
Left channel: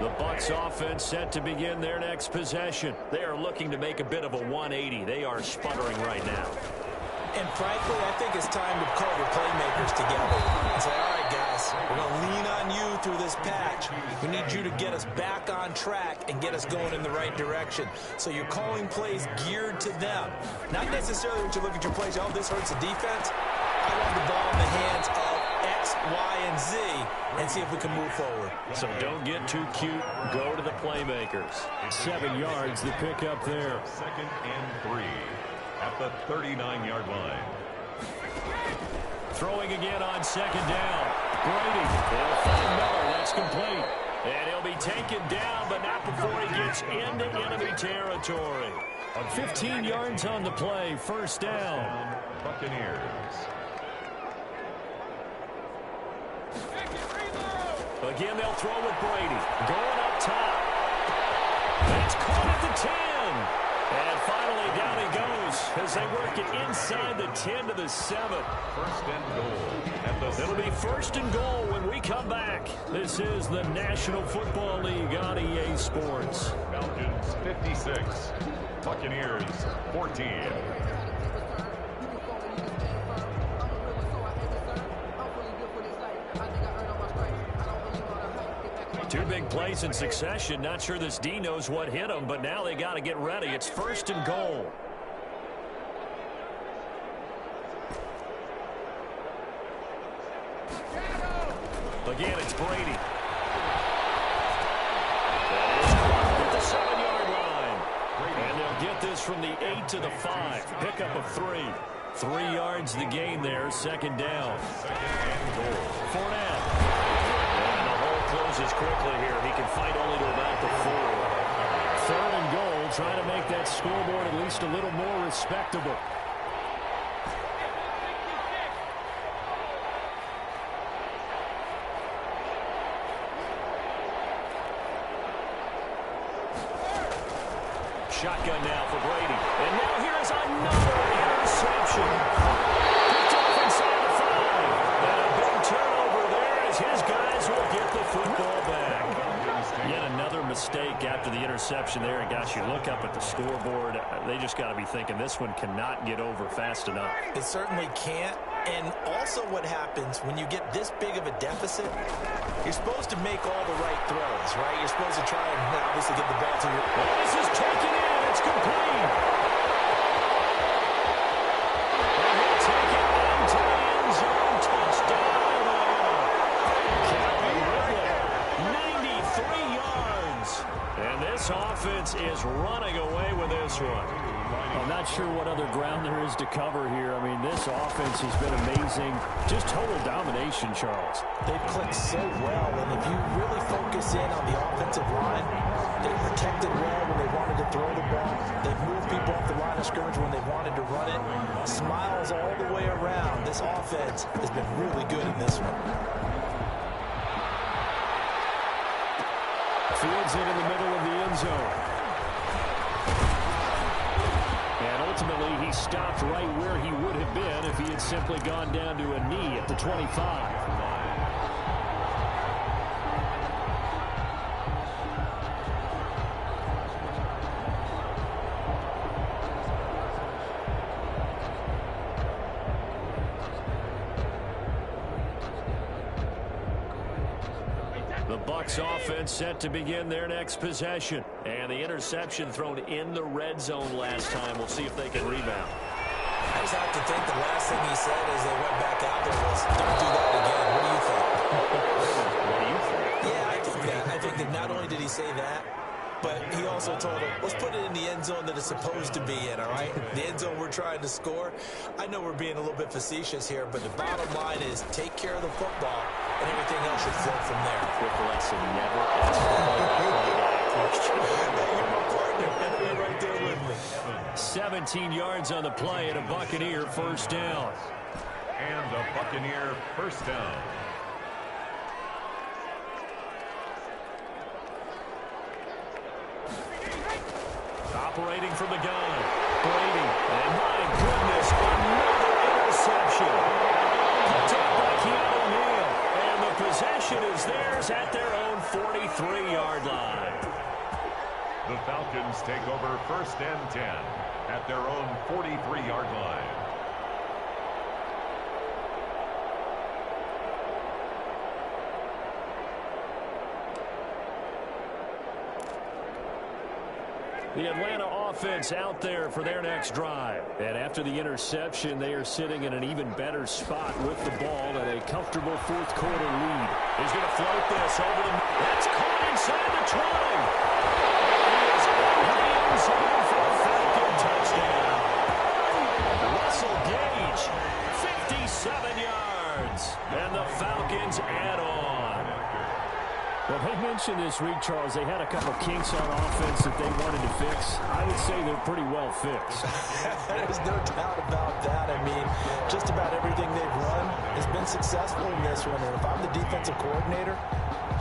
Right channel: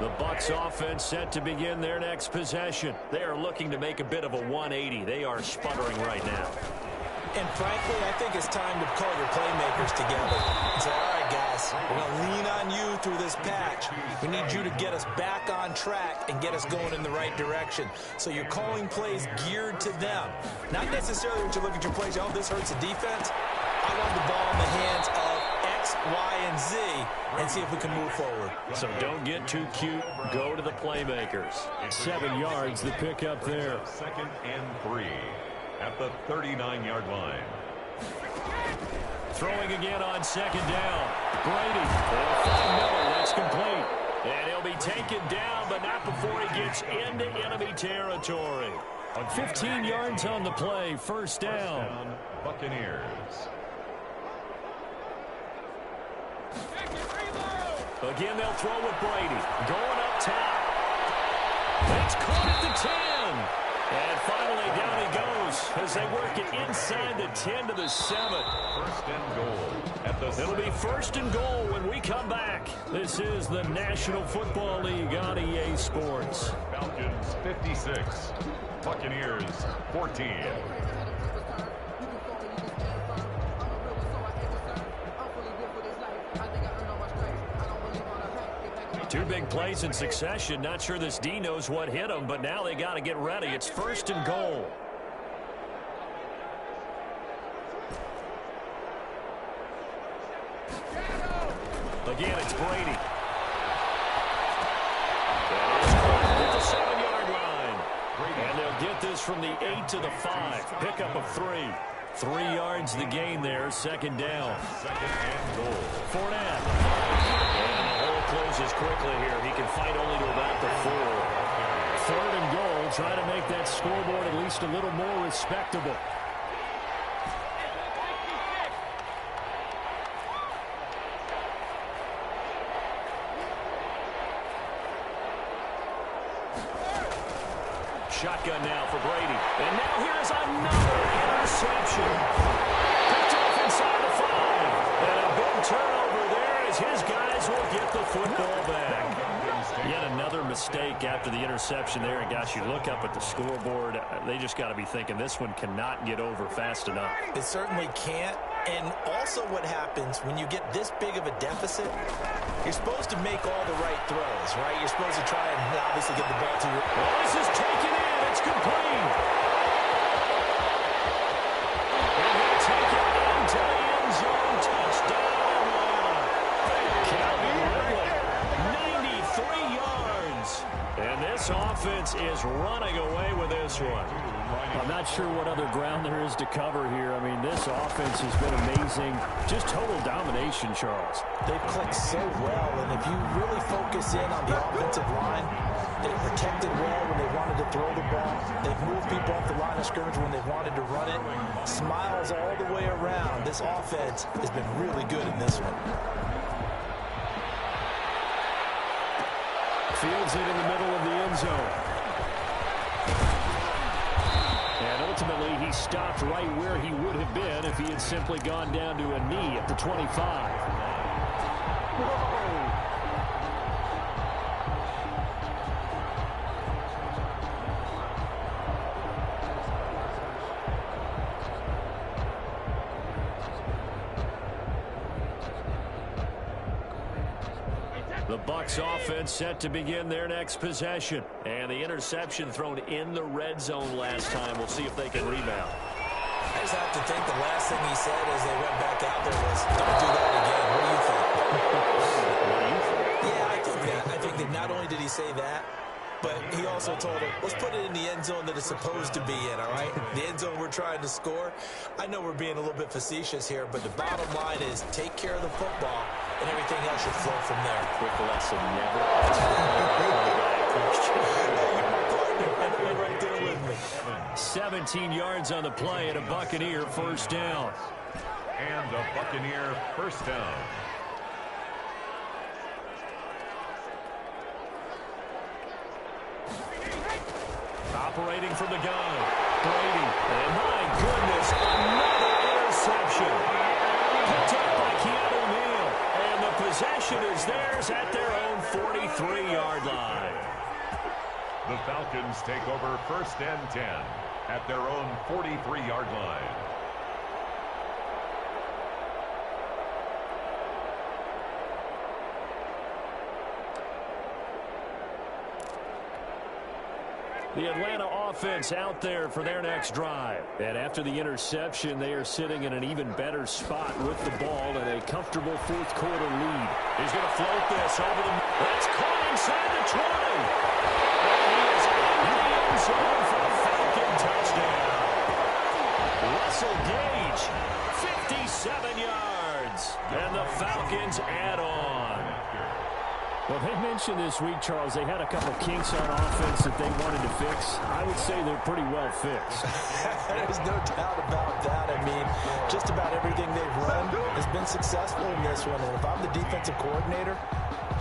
The Bucs offense set to begin their next possession. They are looking to make a bit of a 180. They are sputtering right now. And frankly, I think it's time to call your playmakers together and say, all right, guys, we're going to lean on you through this patch. We need you to get us back on track and get us going in the right direction. So you're calling plays geared to them. Not necessarily when you look at your plays, oh, this hurts the defense. I want the ball in the hands of X, Y, and Z and see if we can move forward. So don't get too cute. Go to the playmakers. 7 yards the pick up there. 2nd and 3 at the 39-yard line. Throwing again on 2nd down. Brady. They'll find Miller. That's complete. And he'll be taken down, but not before he gets into enemy territory. 15 yards on the play. First down. Buccaneers. Again, they'll throw with Brady. Going up top. It's caught at the 10. And finally, down he goes as they work it inside the 10 to the 7. 1st and goal at the 7. It'll be 1st and goal when we come back. This is the National Football League on EA Sports. Falcons 56. Buccaneers 14. Two big plays in succession. Not sure this D knows what hit him, but now they got to get ready. It's 1st and goal. Again, it's Brady. That is caught at the 7-yard line. And they'll get this from the 8 to the 5. Pickup of 3. 3 yards the gain there. 2nd down. 2nd and goal. Fournette. And the hole closes quickly here. He can fight only to about the 4. 3rd and goal. Trying to make that scoreboard at least a little more respectable. Shotgun now for Brady. And now here is another interception. Picked off inside the 5. And a big turnover there as his guys will get the football back. Yet another mistake after the interception there. And gosh, you look up at the scoreboard, they just got to be thinking this one cannot get over fast enough. It certainly can't. And also what happens when you get this big of a deficit, you're supposed to make all the right throws, right? You're supposed to try and obviously get the ball to your... Oh, this is taken in. It's complete. And he'll take it into the end zone. Touchdown, Atlanta. Calvin Ridley, 93 yards. And this offense is running away with this one. I'm not sure what other ground there is to cover here. I mean, this offense has been amazing. Just total domination, Charles. They've clicked so well, and if you really focus in on the offensive line, they've protected well when they wanted to throw the ball. They've moved people off the line of scrimmage when they wanted to run it. Smiles all the way around. This offense has been really good in this one. Fields it in the middle of the end zone. And ultimately, he stopped right where he would have been if he had simply gone down to a knee at the 25. The Bucs offense set to begin their next possession. And the interception thrown in the red zone last time. We'll see if they can rebound. I just have to think the last thing he said as they went back out there was, don't do that again. What do you think? What do you think? Yeah, I think that. I think that not only did he say that, but he also told him, let's put it in the end zone that it's supposed to be in, all right? The end zone we're trying to score. I know we're being a little bit facetious here, but the bottom line is take care of the football, and everything else should flow from there. Quick lesson, never ask the play-by-play guy a question. Hey, you're my partner. I know you're right there with me. 17 yards on the play and a Buccaneer first down. And a Buccaneer first down. Operating from the gun, Brady. And my goodness, another interception. Picked up by Keanu Neal. And the possession is theirs at their own 43-yard line. The Falcons take over first and 10 at their own 43-yard line. The Atlanta offense out there for their next drive. And after the interception, they are sitting in an even better spot with the ball and a comfortable fourth quarter lead. He's going to float this over the... That's caught inside the 20. And he is into the end zone for a Falcon touchdown. Russell Gage, 57 yards. And the Falcons add on. Well, they mentioned this week, Charles, they had a couple kinks on offense that they wanted to fix. I would say they're pretty well fixed. There's no doubt about that. I mean, just about everything they've run has been successful in this one. And if I'm the defensive coordinator,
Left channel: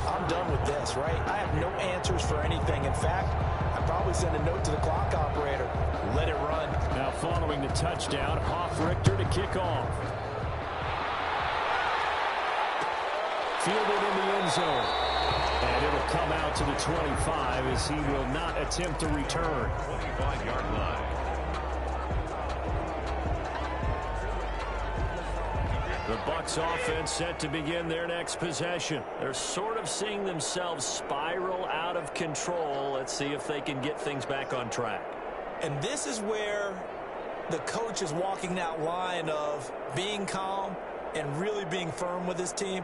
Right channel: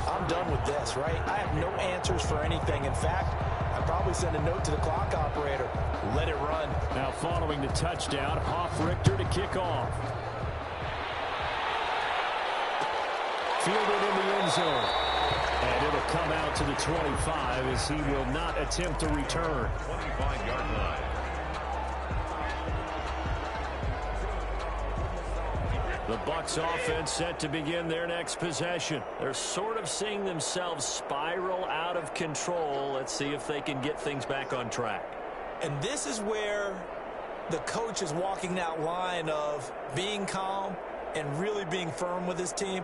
I'm done with this, right? I have no answers for anything. In fact, I'd probably send a note to the clock operator. Let it run. Now following the touchdown, Hoff-Richter to kick off. Fielded in the end zone. And it'll come out to the 25 as he will not attempt to return. 25-yard line. The Bucs offense set to begin their next possession. They're sort of seeing themselves spiral out of control. Let's see if they can get things back on track. And this is where the coach is walking that line of being calm and really being firm with his team.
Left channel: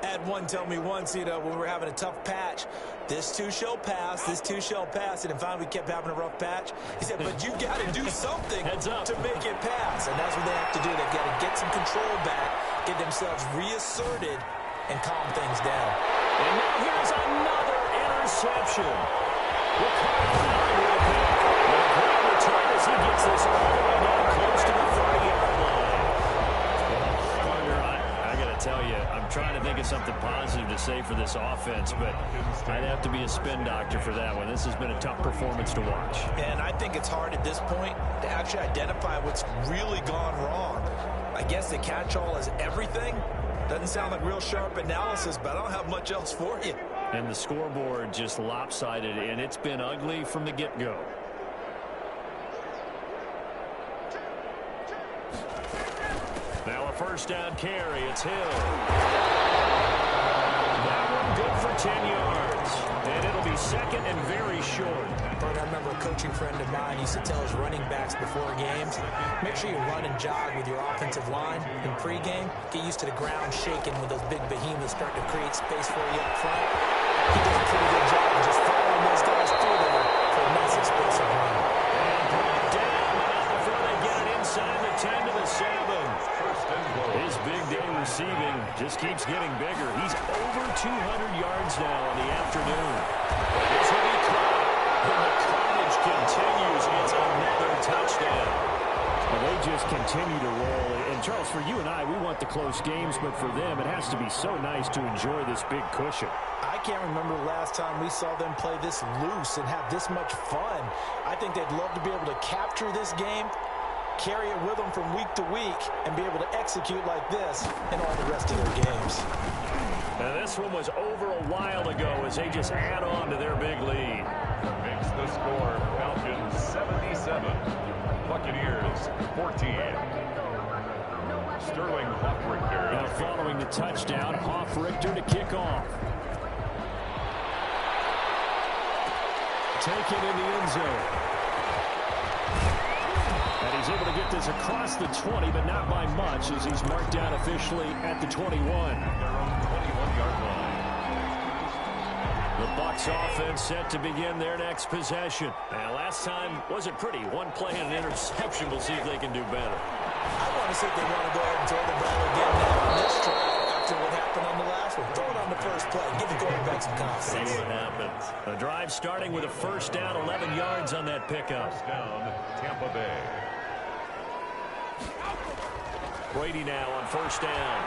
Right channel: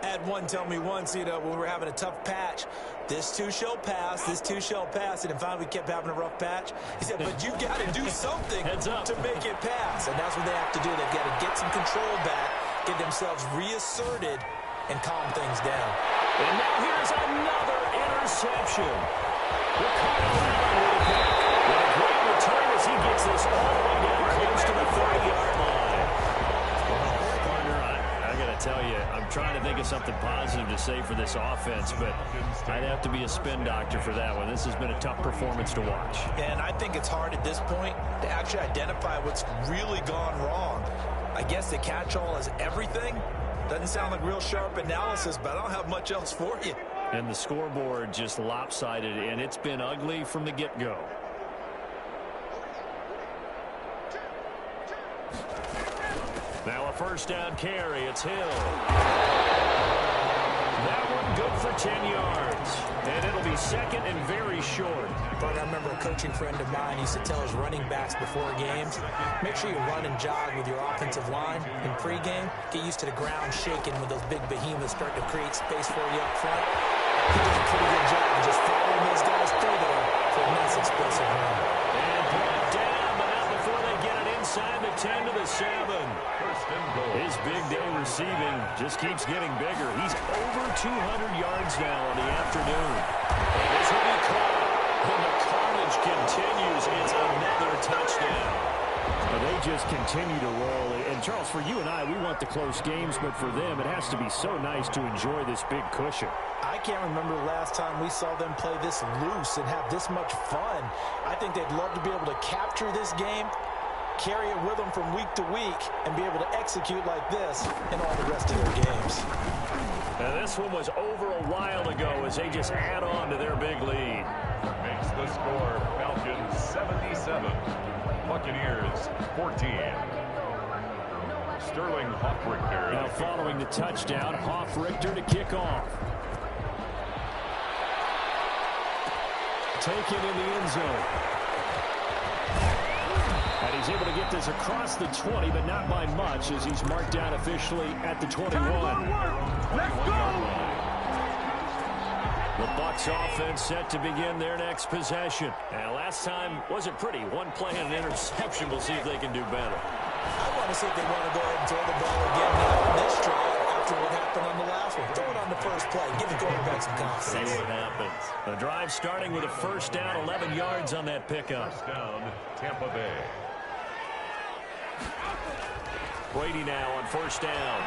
I had one tell me once, when we were having a tough patch, this too shall pass, this too shall pass. And finally we kept having a rough patch. He said, but you got to do something to make it pass. And that's what they have to do. They've got to get some control back, get themselves reasserted, and calm things down. And now here's another interception. Ricardo Allen with a pick. What a great return as he gets this all the way down close to the 30-yard line. Well, partner, I got to tell you, I'm trying to think of something positive to say for this offense, but I'd have to be a spin doctor for that one. This has been a tough performance to watch. And I think it's hard at this point to actually identify what's really gone wrong. I guess the catch-all is everything. Doesn't sound like real sharp analysis, but I don't have much else for you. And the scoreboard just lopsided, and it's been ugly from the get-go. Now a first down carry. It's Hill. That one good for 10 yards. And it'll be second and very short. But I remember a coaching friend of mine used to tell his running backs before games, make sure you run and jog with your offensive line in pregame. Get used to the ground shaking when those big behemoths start to create space for you up front. He does a pretty good job of just following those guys through there for a nice explosive run. And brought down Chris Evans. First and goal. His big day receiving just keeps getting bigger. He's over 200 yards now on the afternoon. And this will be caught. And the carnage continues. It's another touchdown. Well, they just continue to roll. And, Charles, for you and I, we want the close games, but for them, it has to be so nice to enjoy this big cushion. I can't remember the last time we saw them play this loose and have this much fun. I think they'd love to be able to capture this game, carry it with them from week to week, and be able to execute like this in all the rest of their games. And this one was over a while ago as they just add on to their big lead. Makes the score Falcons 77. Buccaneers 14. Sterling Hoffrichter. Now following the touchdown, Hoffrichter to kick off. Taken in the end zone. And he's able to get this across the 20, but not by much as he's marked down officially at the 21. Their own 21-yard line. The Bucs offense set to begin their next possession. Now, last time wasn't pretty. One play and an interception. We'll see if they can do better. I want to see if they want to go ahead and throw the ball again now on this drive after what happened on the last one. Throw it on the first play. Give the quarterback some confidence. See what happens. The drive starting with a first down, 11 yards on that pickup. First down, Tampa Bay. Brady now on first down.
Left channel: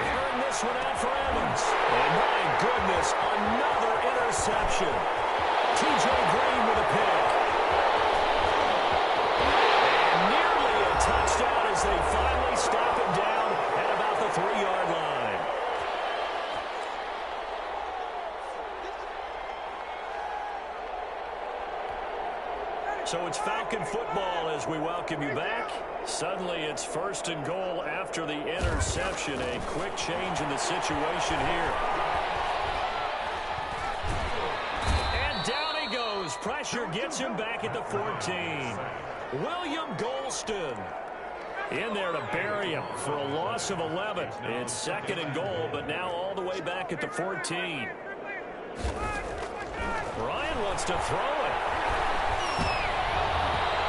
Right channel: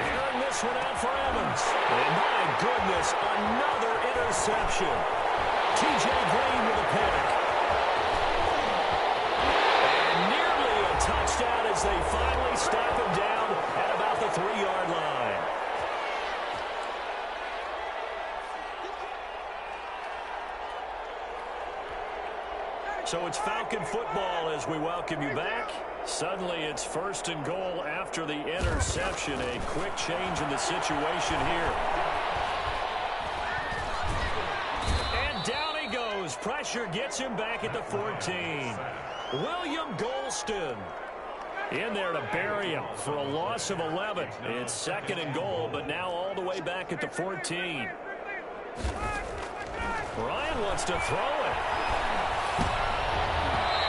Airing this one out for Evans. And my goodness, another interception. T.J. Green with a pick. And nearly a touchdown as they finally stop him down at about the 3-yard line. So it's Falcon football as we welcome you back. Suddenly it's first and goal after the interception. A quick change in the situation here. And down he goes. Pressure gets him back at the 14. William Golston in there to bury him for a loss of 11. It's second and goal, but now all the way back at the 14. Ryan wants to throw it.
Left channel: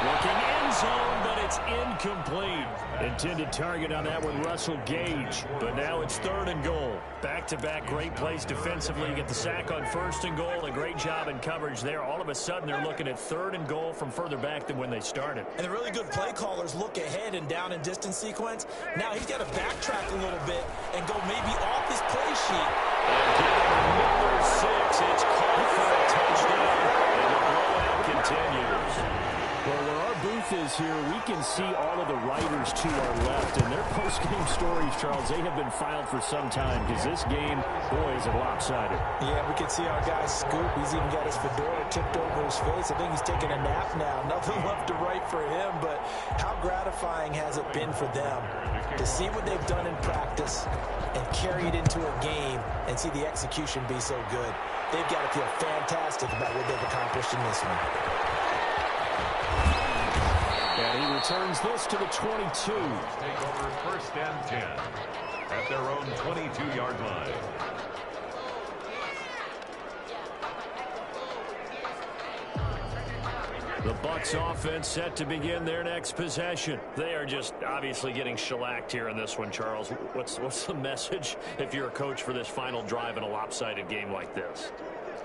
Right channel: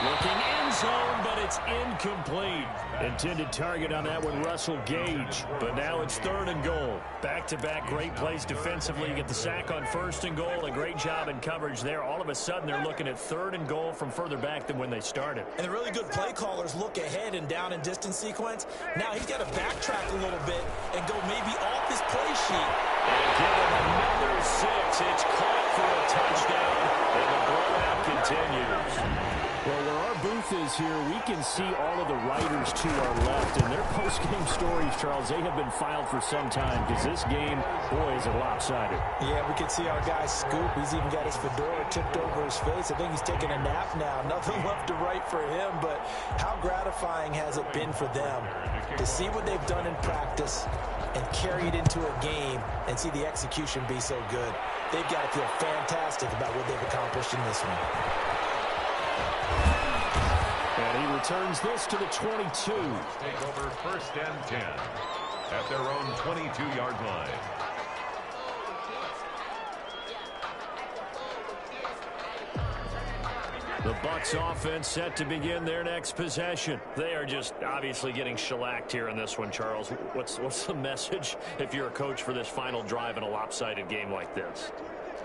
Looking end zone, but it's incomplete. Intended target on that one, Russell Gage. But now it's third and goal. Back-to-back great plays defensively. You get the sack on first and goal. A great job in coverage there. All of a sudden, they're looking at third and goal from further back than when they started. And the really good play callers look ahead and down and distance sequence. Now he's got to backtrack a little bit and go maybe off his play sheet. And give him another 6. It's caught for a touchdown, and the blowout continues. Well, where our booth is here, we can see all of the writers to our left. And their post-game stories, Charles, they have been filed for some time because this game, boy, is it lopsided. Yeah, we can see our guy Scoop. He's even got his fedora tipped over his face. I think he's taking a nap now. Nothing left to write for him, but how gratifying has it been for them to see what they've done in practice and carry it into a game and see the execution be so good. They've got to feel fantastic about what they've accomplished in this one. And he returns this to the 22. Take over first and 10 at their own 22-yard line. The Bucs offense set to begin their next possession. They are just obviously getting shellacked here in this one, Charles. What's the message if you're a coach for this final drive in a lopsided game like this?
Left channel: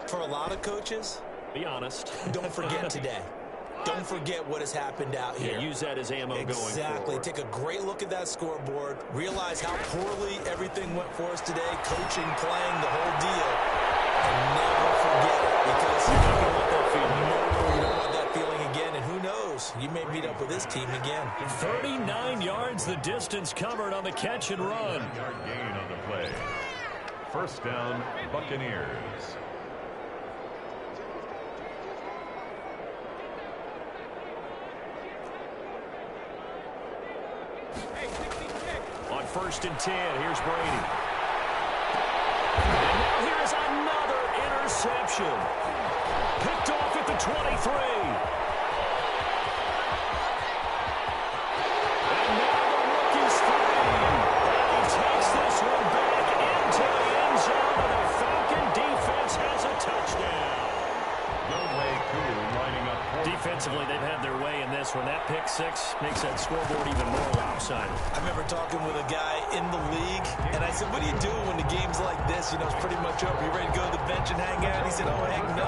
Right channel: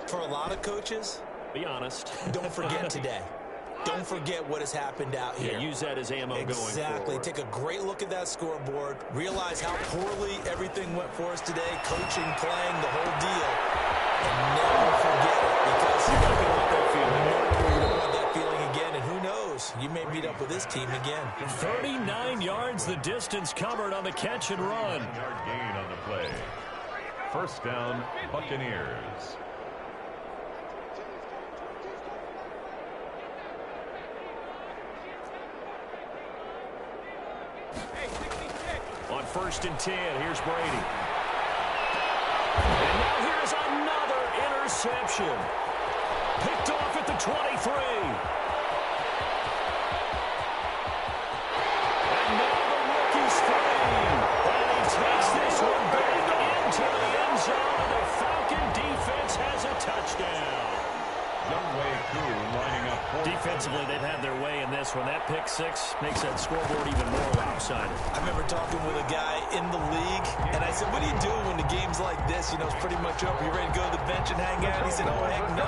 For a lot of coaches, be honest. Don't forget today. Don't forget what has happened out here. Yeah, use that as ammo going forward. Exactly. Take a great look at that scoreboard. Realize how poorly everything went for us today. Coaching, playing, the whole deal. And never forget it because you're not going to want that feeling. No, you don't want that feeling again. And who knows? You may meet up with this team again. 39 yards the distance covered on the catch and run. 1-yard gain on the play. First down, Buccaneers. On first and 10, here's Brady. And now here is another interception. Picked off at the 23. And now the rookie's free. And he takes this one back into the end zone, and the Falcon defense has a touchdown. Younghoe Koo lining up for Defensively, they've had their way in this one. That pick six makes that scoreboard even more lopsided. I remember talking with a guy in the league, and I said, what do you do when the game's like this? You know, it's pretty much over. You ready to go to the bench and hang out? He said, oh, heck no.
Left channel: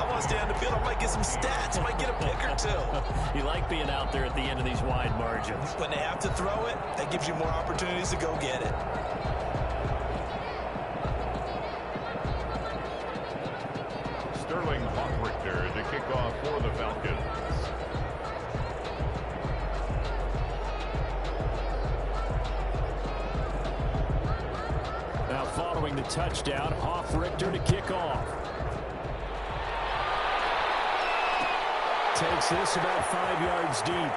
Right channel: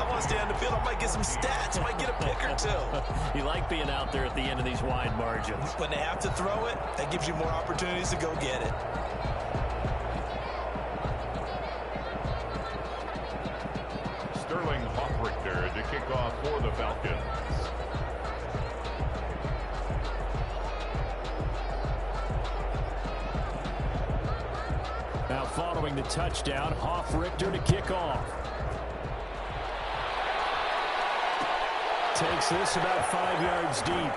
I want to stay on the field. I might get some stats. I might get a pick or two. You like being out there at the end of these wide margins. When they have to throw it, that gives you more opportunities to go get it. Sterling Hoffrichter to kick off for the Falcons. Now following the touchdown, Hoffrichter to kick off. Takes this about 5 yards deep.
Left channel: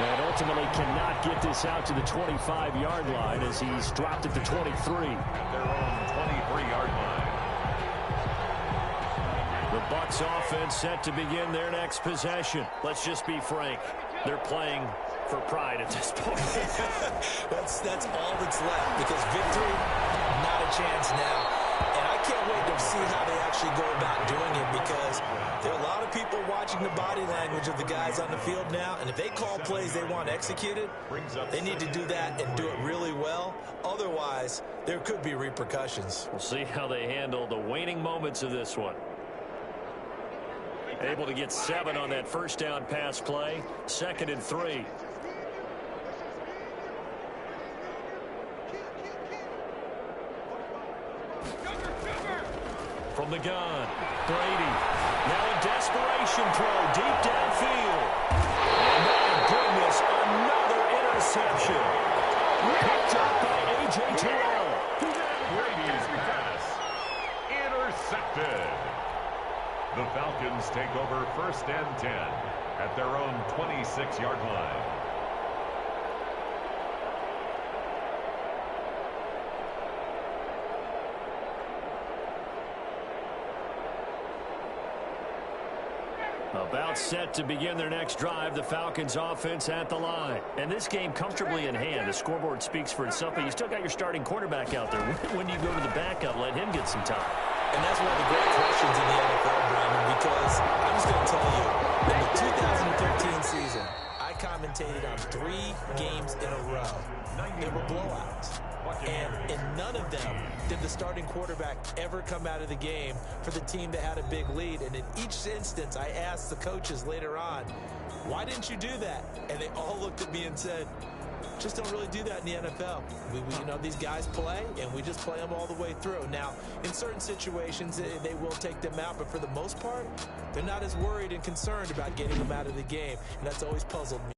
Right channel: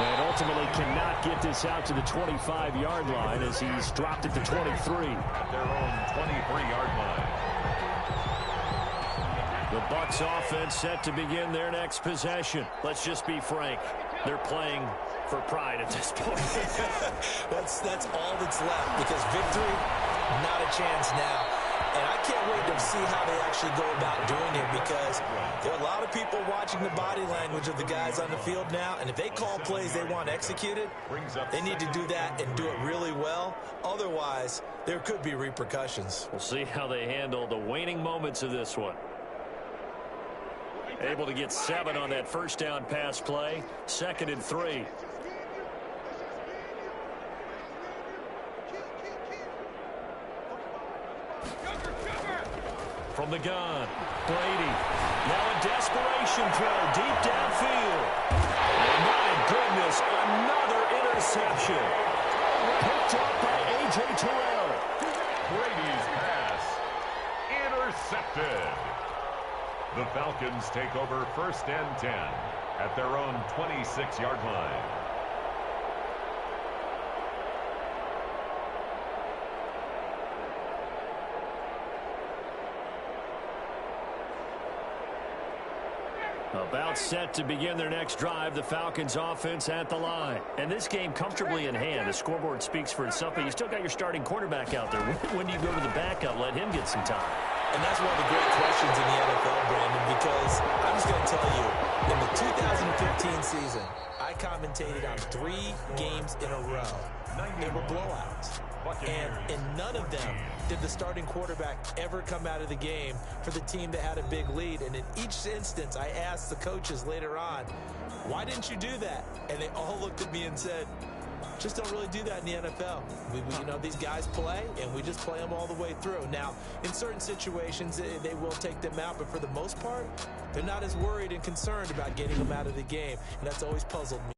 And ultimately cannot get this out to the 25-yard line as he's dropped it to 23. At their own 23-yard line. The Bucs offense set to begin their next possession. Let's just be frank. They're playing for pride at this point. That's all that's left, because victory, not a chance now. And I can't wait to see how they actually go about doing it, because there are a lot of people watching the body language of the guys on the field now, and if they call plays they want executed, they need to do that and do it really well. Otherwise, there could be repercussions. We'll see how they handle the waning moments of this one. Able to get 7 on that first down pass play. 2nd and 3. From the gun, Brady. Now a desperation throw deep downfield. And my goodness, another interception. Picked up by A.J. Terrell. Brady's pass intercepted. The Falcons take over 1st and 10 at their own 26-yard line. About set to begin their next drive, the Falcons offense at the line. And this game comfortably in hand. The scoreboard speaks for itself, but you still got your starting quarterback out there. When do you go to the backup? Let him get some time. And that's one of the great questions in the NFL, Brandon, because I'm just going to tell you, in the 2015 season, I commentated on 3 games in a row. They were blowouts. And in none of them did the starting quarterback ever come out of the game for the team that had a big lead. And in each instance, I asked the coaches later on, why didn't you do that? And they all looked at me and said, just don't really do that in the NFL. You know, these guys play, and we just play them all the way through. Now, in certain situations, they will take them out, but for the most part, they're not as worried and concerned about getting them out of the game, and that's always puzzled me.